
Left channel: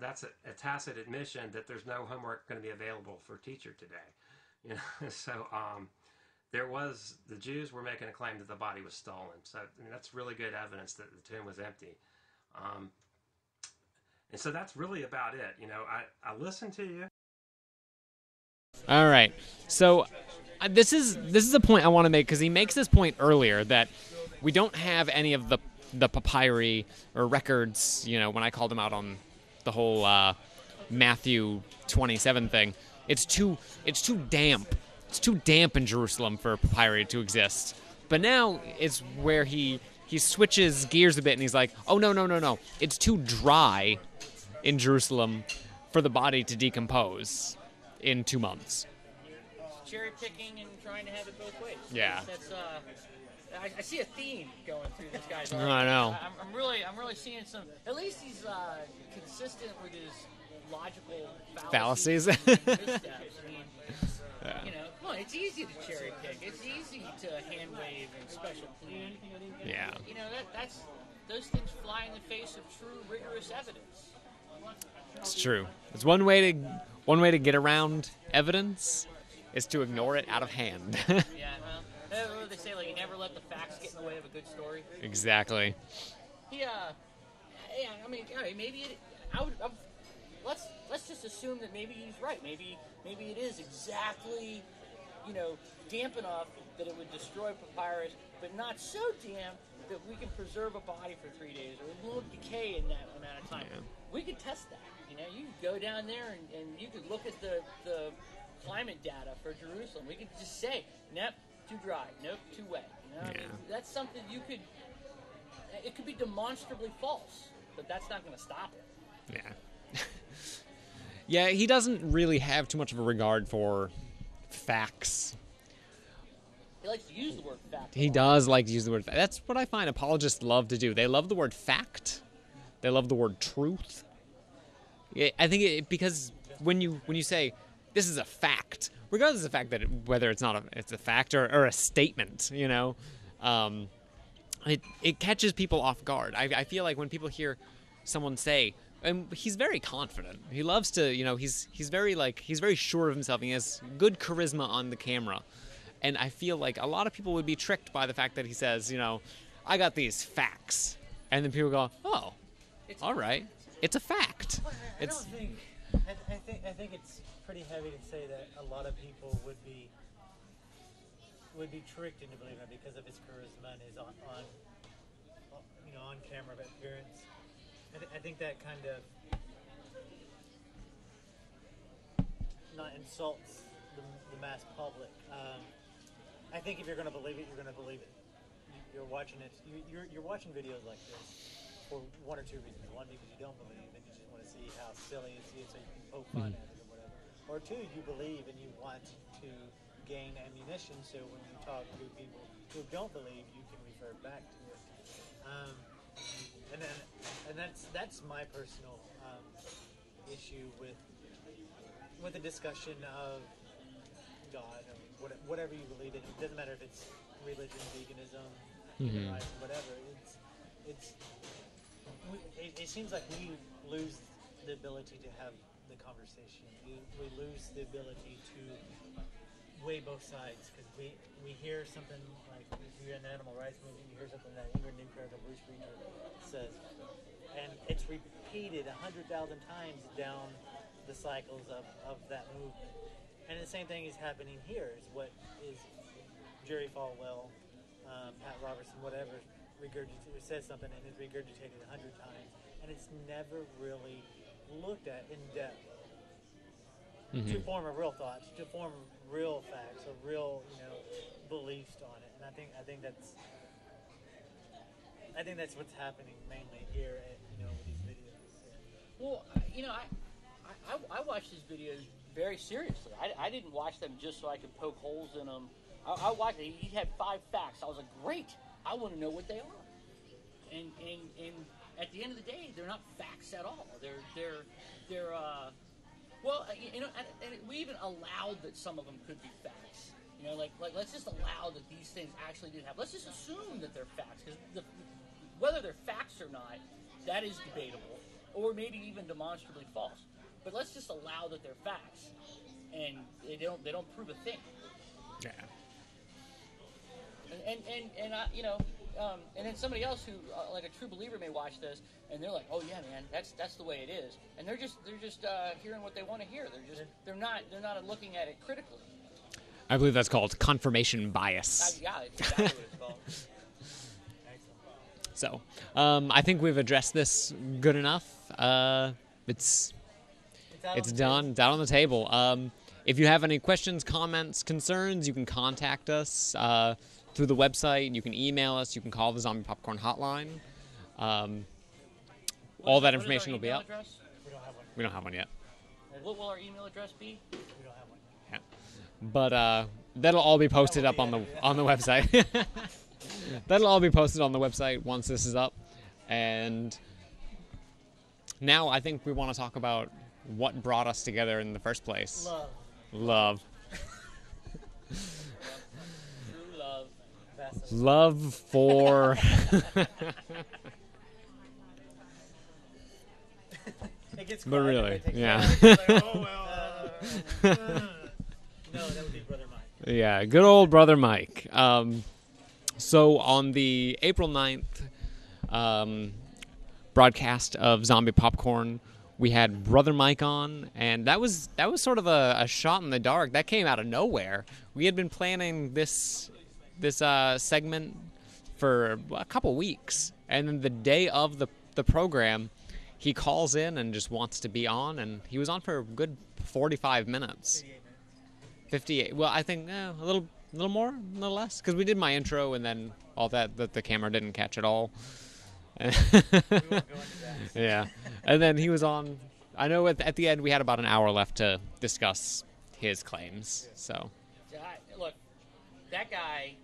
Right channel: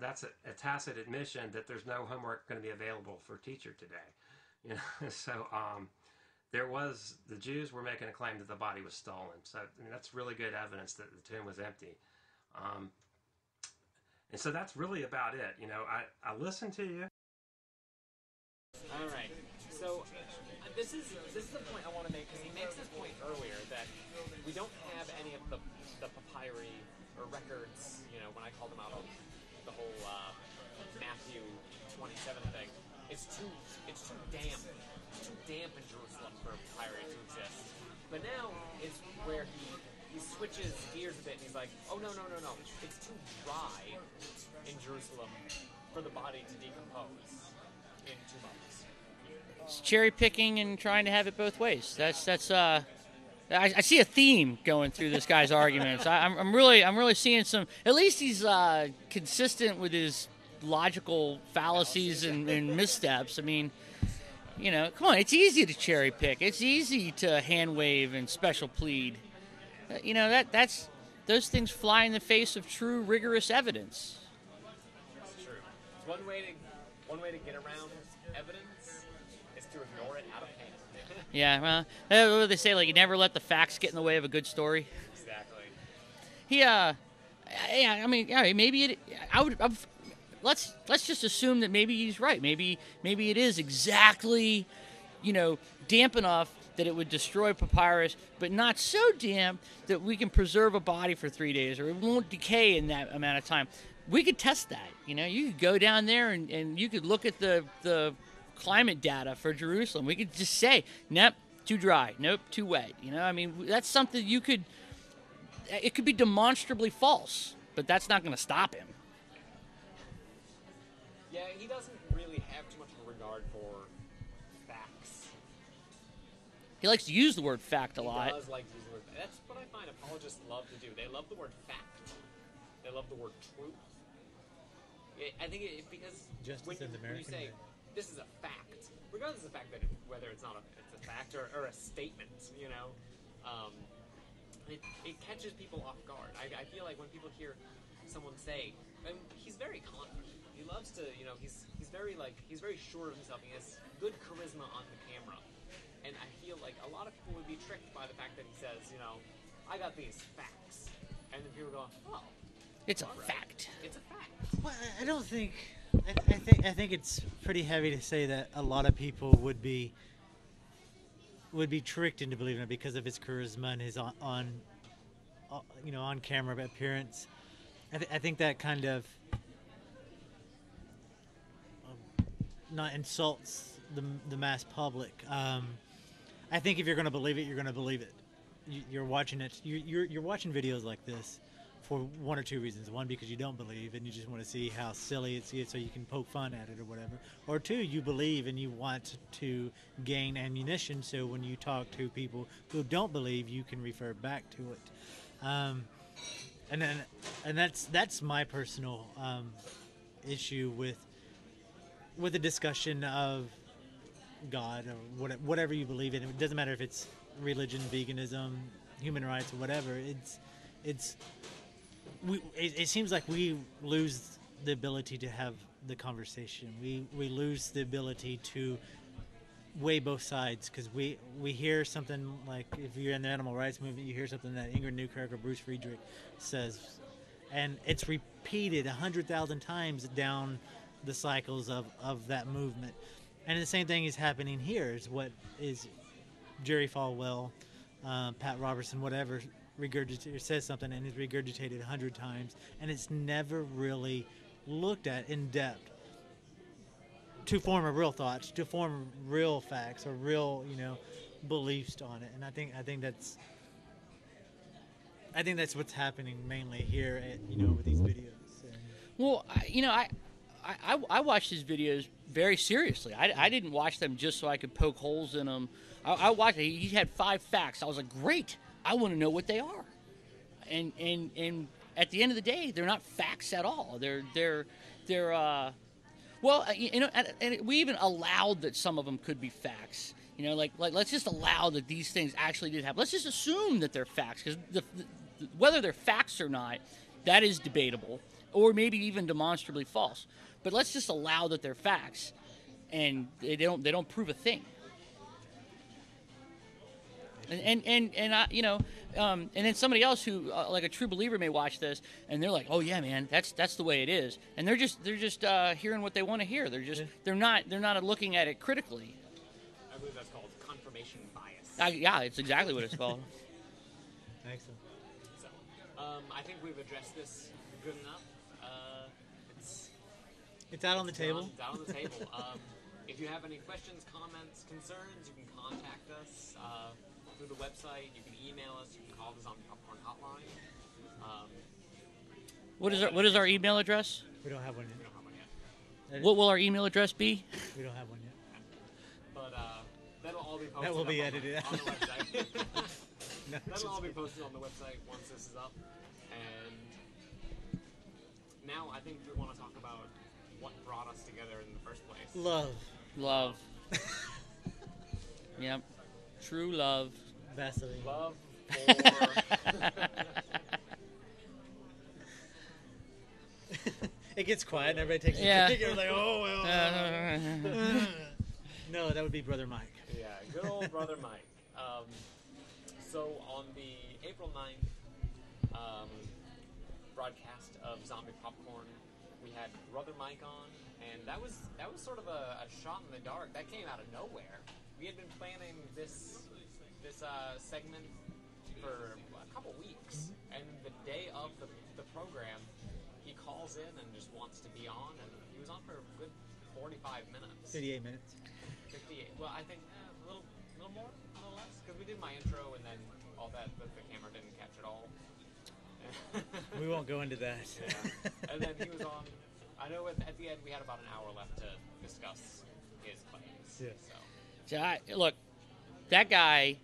that's a tacit admission that there's no homework going to be available for a teacher today. So the Jews were making a claim that the body was stolen. So that's really good evidence that the tomb was empty. And so that's really about it. I listened to you. All right. So this is a point I want to make because he makes this point earlier that we don't have any of the papyri or records, when I called him out on the whole Matthew 27 thing. It's too damp. It's too damp in Jerusalem for papyri to exist. But now it's where he switches gears a bit and he's like, oh, no. It's too dry in Jerusalem for the body to decompose in 2 months. It's cherry picking and trying to have it both ways. Yeah. I see a theme going through this guy's arguments. know. I'm really seeing some. At least he's consistent with his logical fallacies and missteps. I mean, you know, come on, it's easy to cherry pick. It's easy to hand wave and special plead. Yeah. You know, that's those things fly in the face of true rigorous evidence. It's true. It's one way to get around evidence is to ignore it out of hand. Yeah, well, what do they say? Like, you never let the facts get in the way of a good story. Exactly. Yeah, I mean, yeah, maybe let's just assume that maybe he's right. Maybe it is exactly, you know, damp enough that it would destroy papyrus, but not so damp that we can preserve a body for 3 days, or it won't decay in that amount of time. We could test that. You know, you could go down there and you could look at the climate data for Jerusalem. We could just say, nope, too dry. Nope, too wet. You know, I mean, that's something you could. It could be demonstrably false, but that's not going to stop him. Yeah. Yeah, he doesn't really have too much of a regard for facts. He likes to use the word fact a He lot. does like to use the word fact. That's what I find apologists love to do. They love the word fact. They love the word truth. I think because when you say this is a fact, regardless of the fact that whether it's not it's a fact or a statement, you know, it catches people off guard. I feel like when people hear someone say, and he's very confident. He loves to, you know, he's very sure of himself. He has good charisma on the camera. And I feel like a lot of people would be tricked by the fact that he says, you know, I got these facts. And then people go, oh, It's all right. fact. It's a fact. Well, I don't think. I think it's pretty heavy to say that a lot of people would be tricked into believing it because of his charisma and his on camera appearance. I think that kind of not insults the mass public. I think if you're going to believe it, you're going to believe it. You're watching it. You're watching videos like this for one or two reasons. One, because you don't believe and you just want to see how silly it's so you can poke fun at it or whatever. Or two, you believe and you want to gain ammunition so when you talk to people who don't believe, you can refer back to it. And that's my personal issue with the discussion of God or whatever you believe in. It doesn't matter if it's religion, veganism, human rights, or whatever. It seems like we lose the ability to have the conversation. We lose the ability to weigh both sides because we hear something like, if you're in the animal rights movement, you hear something that Ingrid Newkirk or Bruce Friedrich says, and it's repeated 100,000 times down the cycles of that movement. And the same thing is happening here. Is what is Jerry Falwell, Pat Robertson, whatever, says something and is regurgitated 100 times, and it's never really looked at in depth to form a real thoughts, to form real facts or real, beliefs on it. And I think that's what's happening mainly here at, with these videos. Well, I watched his videos very seriously. I didn't watch them just so I could poke holes in them. I watched it. He had 5 facts. I was like, great. I want to know what they are. And at the end of the day, they're not facts at all. They're and we even allowed that some of them could be facts. Like let's just allow that these things actually did happen. Let's just assume that they're facts, because whether they're facts or not, that is debatable, or maybe even demonstrably false. But let's just allow that they're facts, and they don't prove a thing. And then somebody else who like a true believer may watch this and they're like, oh yeah, man, that's the way it is, and they're just hearing what they want to hear. They're not looking at it critically. I believe that's called confirmation bias. Yeah, it's exactly what it's called. So, I think we've addressed this good enough. It's down on the table. If you have any questions, comments, concerns, you can contact us through the website. You can email us. You can call the Zombie Popcorn Hotline. What is our email address? We don't have one yet. We don't have one yet. What will our email address be? We don't have one yet. Yeah. But that'll all be posted That up will on be the website. That'll all be posted on the website once this is up. And now I think we want to talk about what brought us together in the first place. Love. Yep. True love. Vaseline. Love for... It gets quiet. Really, Everybody takes yeah. a break. It's like, oh, well. No, that would be Brother Mike. Yeah, good old Brother Mike. So on the April 9th broadcast of Zombie Popcorn, we had Brother Mike on, and that was sort of a shot in the dark. That came out of nowhere. We had been planning this segment for a couple weeks, and then the day of the program, he calls in and just wants to be on, and he was on for a good 45 minutes. 58 minutes. 58. Well, I think a little more, a little less, because we did my intro and then all that the camera didn't catch at all. We won't go into that. Yeah. And then he was on. I know at the end we had about an hour left to discuss his claims. Yeah. So Look, that guy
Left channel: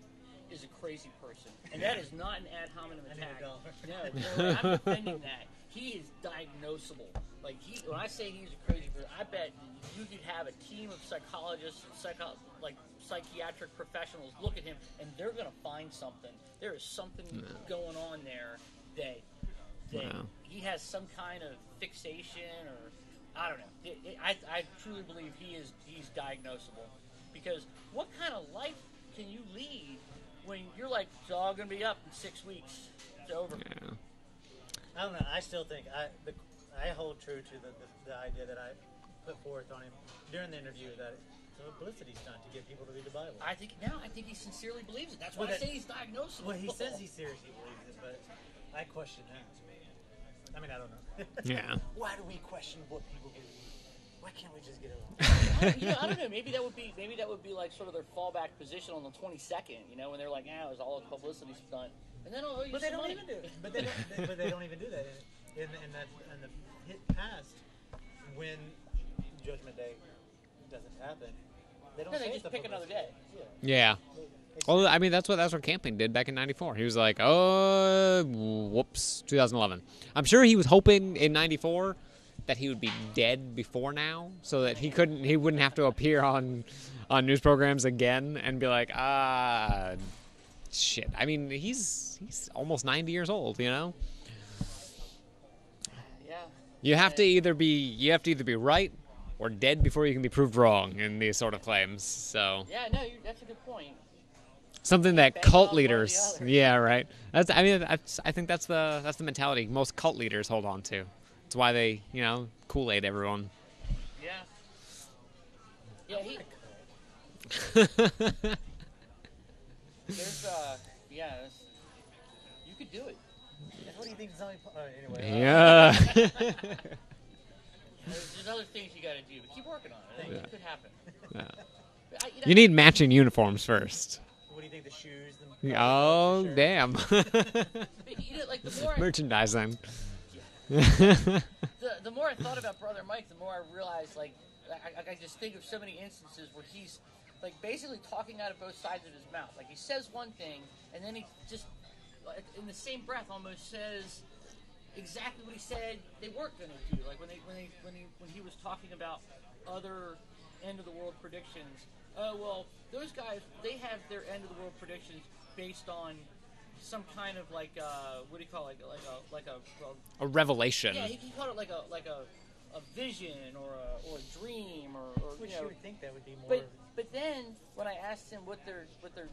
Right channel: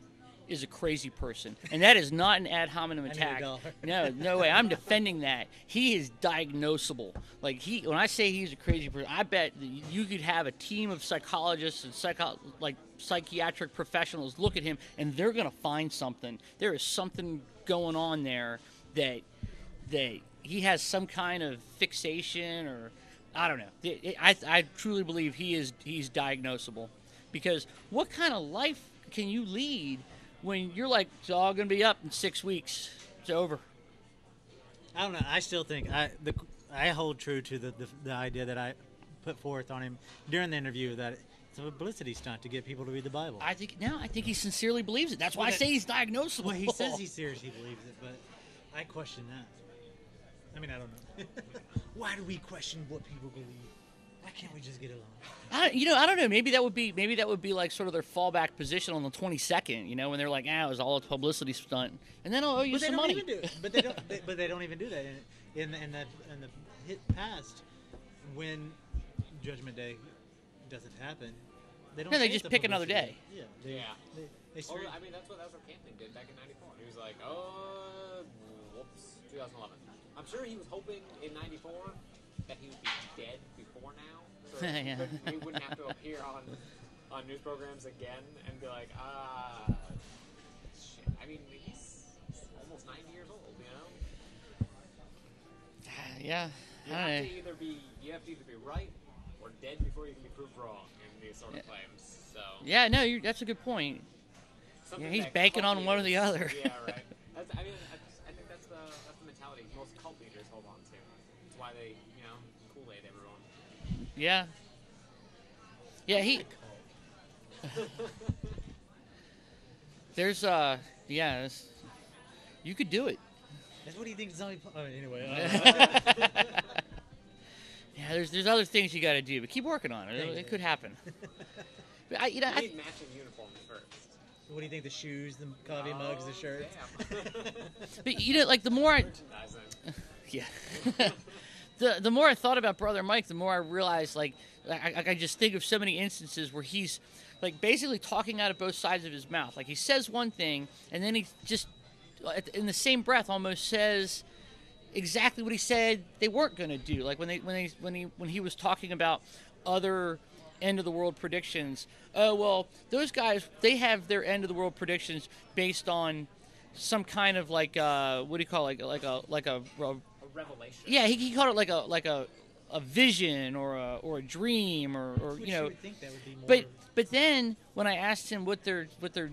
is a crazy person, and that is not an ad hominem need attack. $1. No way. I'm defending that. He is diagnosable. Like when I say he's a crazy person, I bet that you could have a team of psychologists and psychiatric professionals look at him, and they're gonna find something. There is something going on there that he has some kind of fixation, or I don't know. I truly believe he's diagnosable, because what kind of life can you lead when you're like, it's all going to be up in 6 weeks, it's over? yeah. I don't know. I still think I hold true to the idea that I put forth on him during the interview, that it's a publicity stunt to get people to read the Bible. I think he sincerely believes it. That's why I say he's diagnosable. Well, he says he seriously believes it, but I question that. I mean, I don't know. Yeah. Why do we question what people believe? Why can't we just get along? I don't know. Maybe that would be like sort of their fallback position on the 22nd. When they're like, it was all a publicity stunt, and then I'll owe you some money. But they don't even do that. In the past, when Judgment Day doesn't happen, they don't. No, say they it's just a pick another publicity. day. Yeah. Yeah. They Well, say- I mean, that's what camping did back in '94. He was like, oh, whoops, 2011. I'm sure he was hoping in '94 that he would be dead before now, so that he wouldn't have to appear on news programs again and be like, shit. I mean, he's almost 90 years old, Yeah. You have to either be right or dead before you can be proved wrong in these sort of claims. So Yeah. No, that's a good point. something He's that banking cult on one or the leaders, other. yeah, right. I think that's the mentality most cult leaders hold on to. That's why they, Kool-Aid everyone. Yeah. Yeah. There's you could do it. What do you think? Anyway. Yeah. Yeah. There's other things you got to do, but keep working on it. It could happen. Yeah. But You need matching uniforms first. What do you think? The shoes. Oh, the shirt? damn. But like the more I Merchandising. yeah. The more I thought about Brother Mike, the more I realized, like, I just think of so many instances where he's, like, basically talking out of both sides of his mouth. Like, he says one thing, and then he just, in the same breath, almost says exactly what he said they weren't going to do. Like, when he was talking about other end of the world predictions. Oh, well, those guys, they have their end of the world predictions based on some kind of what do you call it? Like A revelation. yeah, he called it like a vision or a dream or Which you know. would think that would be more. But then when I asked him what their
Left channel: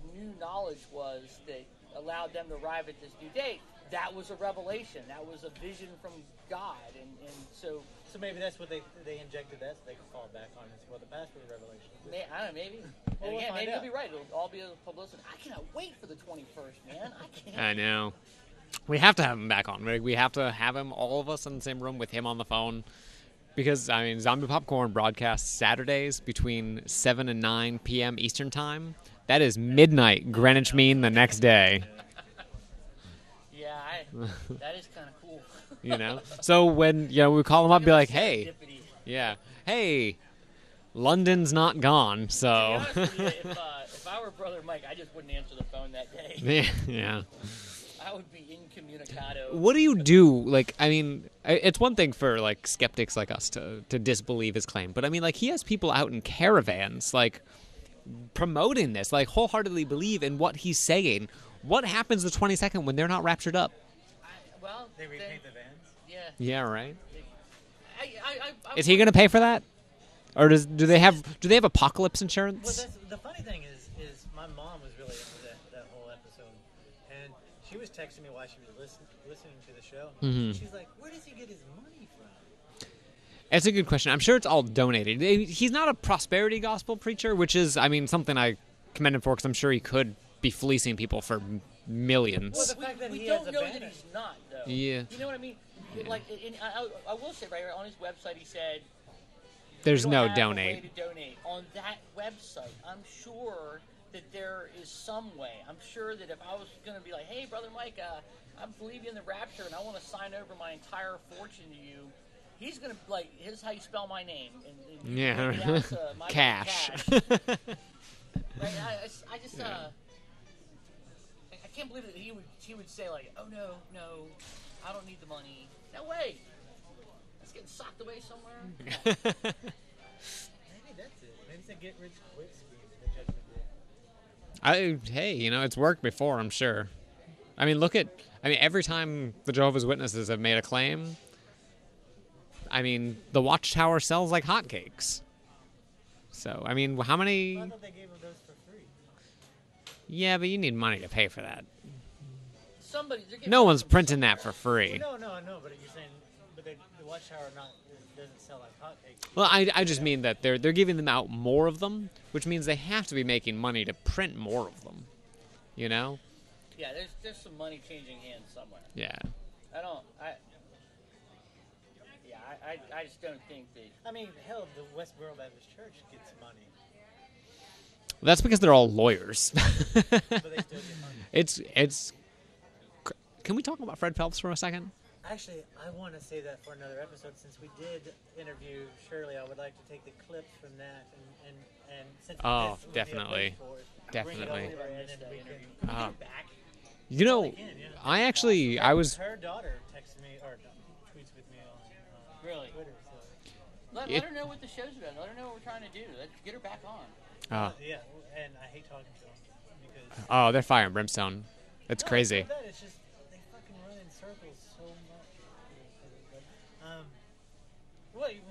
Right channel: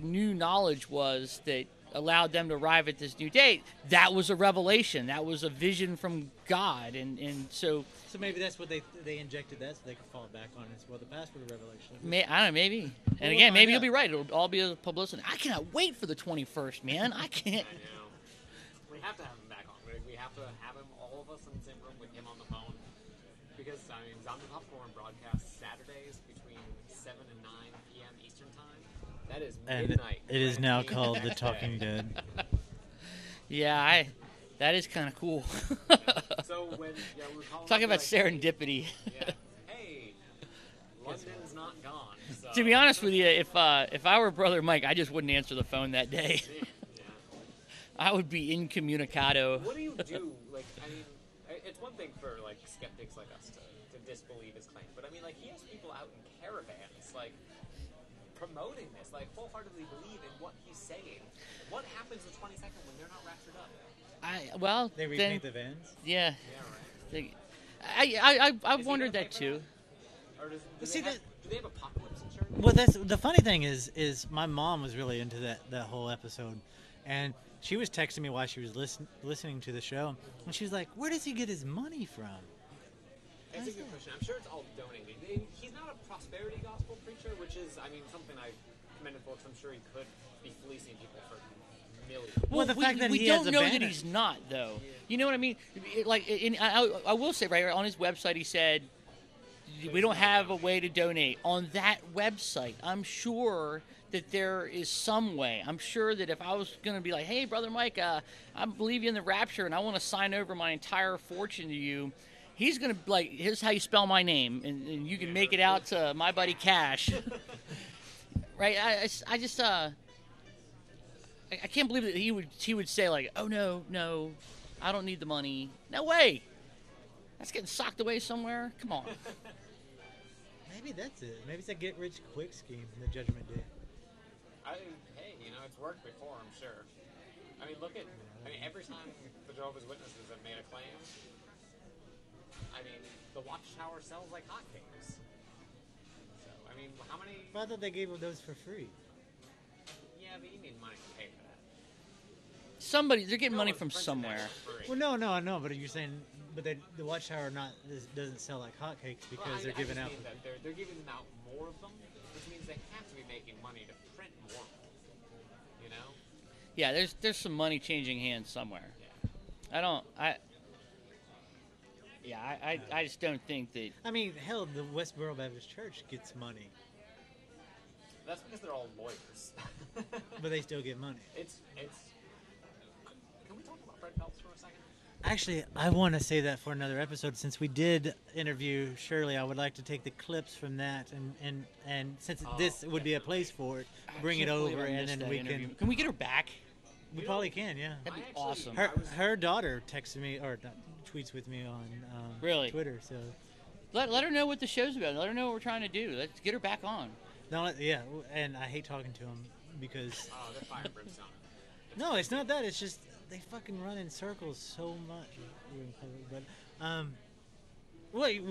new knowledge was that allowed them to arrive at this new date, that was a revelation. That was a vision from God, and so. So maybe that's what they injected that so they could fall back on as well. The past was a revelation. I don't know, maybe. And We'll again, find maybe out. you'll be right. It'll all be a publicity. I cannot wait for the 21st, man. I can't. I know. We have to have him back on. We have to have him, all of us in the same room with him on the phone. Because, I mean, Zombie Popcorn broadcasts Saturdays between 7 and 9 p.m. Eastern Time. That is midnight It is Greenwich now Mean the called next The day. Talking Dead. Yeah, that is kind of cool. You know? So when we call him Talk up, be about like, hey. serendipity. Yeah. Hey, London's not gone, so. To be honest with you, if I were Brother Mike, I just wouldn't answer the phone that day. Yeah. I would be incommunicado. What do you do? Like, I mean, it's one thing for like skeptics like us to disbelieve his claim, but I mean, like, he has people out in caravans, like, promoting this, like, wholeheartedly believe in what he's saying. What happens the 22nd when they're not raptured up? They repaint the vans. Yeah. Yeah, right. I Is he going to pay for that? Or do they have apocalypse insurance? Well, that's the funny thing is my mom was really into that whole episode, and she was texting me while she was listening to the show. And she was like, "Where does he get his money from?" It's a good question. I'm sure it's all donated. He's not a prosperity gospel preacher, which is, I mean, something I commend him for, because I'm sure he could be fleecing people for millions. Well, the fact that we he don't has a know banner. that he's not, though. Yeah. You know what I mean? Like, I will say, right on his website, he said, There's we don't no have donate. a way to donate. On that website, I'm sure that there is some way. I'm sure that if I was going to be like, hey, Brother Mike, I believe you in the rapture, and I want to sign over my entire fortune to you, he's going to, like, here's how you spell my name, and you can make it out to my buddy Cash. Right? I just, I can't believe that he would say, like, oh, no, I don't need the money. No way. That's getting socked away somewhere. Come on. Maybe that's it. Maybe it's a get-rich-quick scheme in the Judgment Day. Hey, you know, it's worked before, I'm sure. I mean, every time the Jehovah's Witnesses have made a claim, I mean, the Watchtower sells like hotcakes. So, I mean, how many... I thought they gave those for free. Yeah, but you need money to pay for that. They're getting No money one's from printing somewhere. that for free. Well, no, I know, but you're saying... But the Watchtower doesn't sell like hotcakes. Well, I just mean that they're giving them out more of them, which means they have to be making money to print more of them. You know? Yeah, there's some money changing hands somewhere. Yeah. I just don't think that. I mean, hell, the Westboro Baptist Church gets money, That's because they're all lawyers. but they still get money. It's. Can we talk about Fred Phelps for a second? Actually, I want to say that for another episode. Since we did interview Shirley, I would like to take the clips from that, and since this would be a place definitely. for it, bring it Definitely. over, and then we can. Can we get her back? You know, Probably can, yeah. I actually, I was. Her daughter texted me or tweets with me on Really? Twitter. So Let her know what the show's about. Let her know what we're trying to do. Let's get her back on. yeah, and I hate talking to him because Oh, they're fire and brimstone. It's no, crazy. It's not that. It's just they fucking run in circles so much. But wait,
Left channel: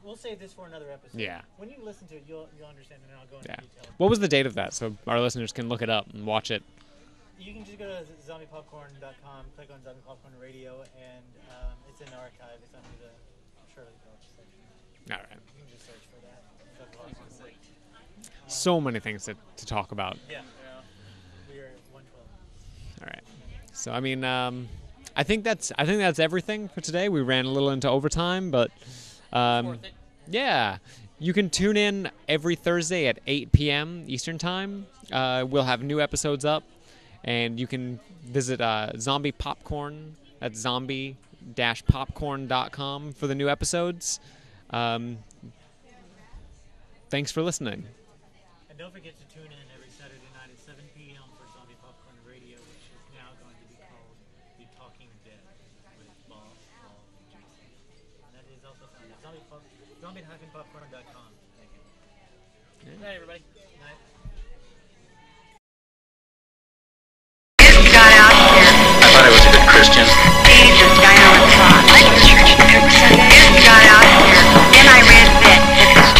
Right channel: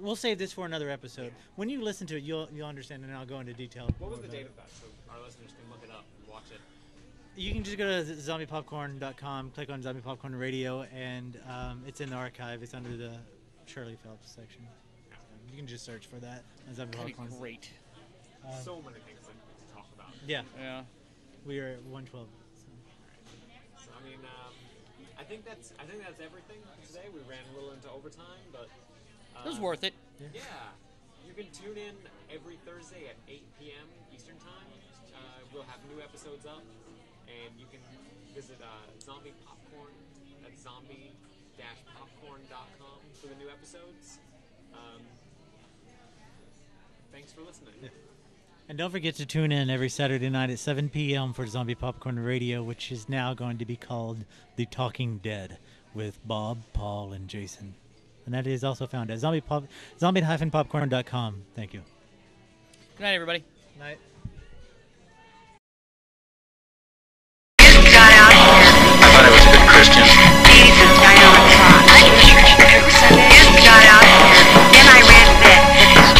we'll save this for another episode. Yeah. When you listen to it, you'll understand, and I'll go into detail. What was the date of that, so our listeners can look it up and watch it? You can just go to zombiepopcorn.com, click on Zombie Popcorn Radio, and it's in the archive. It's under the Shirley Phelps section. All right. You can just search for that. Zombie That'd be Popcorn. great. So many things to talk about. Yeah, Yeah. we are at 112. All right. So I mean, I think that's everything for today. We ran a little into overtime, but It's worth it. yeah, you can tune in every Thursday at 8 p.m. Eastern Time. We'll have new episodes up, and you can visit Zombie Popcorn at zombie-popcorn.com for the new episodes. Thanks for listening. And don't forget to tune in every Saturday night at 7 p.m. for Zombie Popcorn Radio, which is now going to be called The Talking Dead with Bob, Paul, and Jason. And that is also found at zombie-popcorn.com. Thank you. Good night, everybody. Night. Got out here. I thought I was a good Christian. Jesus died on a cross. I go to church every Sunday. Got out here. Then I read that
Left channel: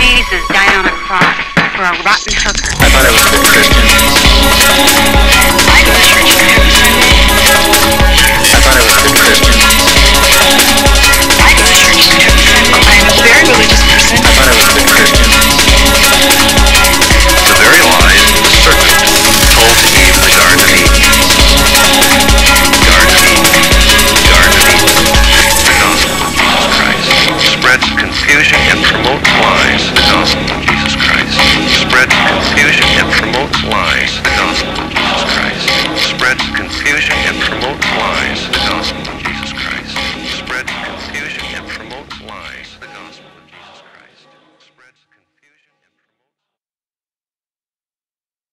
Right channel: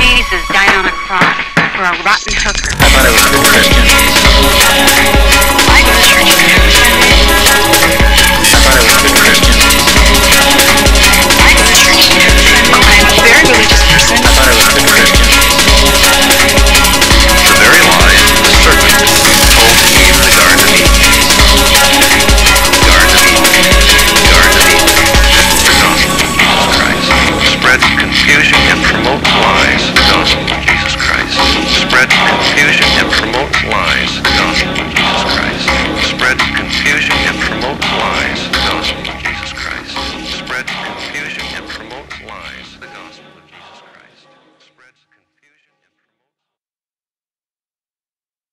Jesus died on a cross for a rotten hooker. I thought I was a good Christian. I go to church every Sunday. I thought I was a good Christian. I go to church every Sunday. I am a very religious person. I thought I was a good Christian. The very lies the serpent told to Eve in the Garden of Eden. Garden of Eden. Garden of Eden. The gospel of Jesus Christ. Spreads confusion and promotes lies. The gospel of Jesus Christ. Spreads confusion and promotes lies. The gospel of Jesus Christ. Spreads confusion and promotes lies. The gospel of Jesus Christ. Spreads confusion and promotes lies. The gospel of Jesus Christ.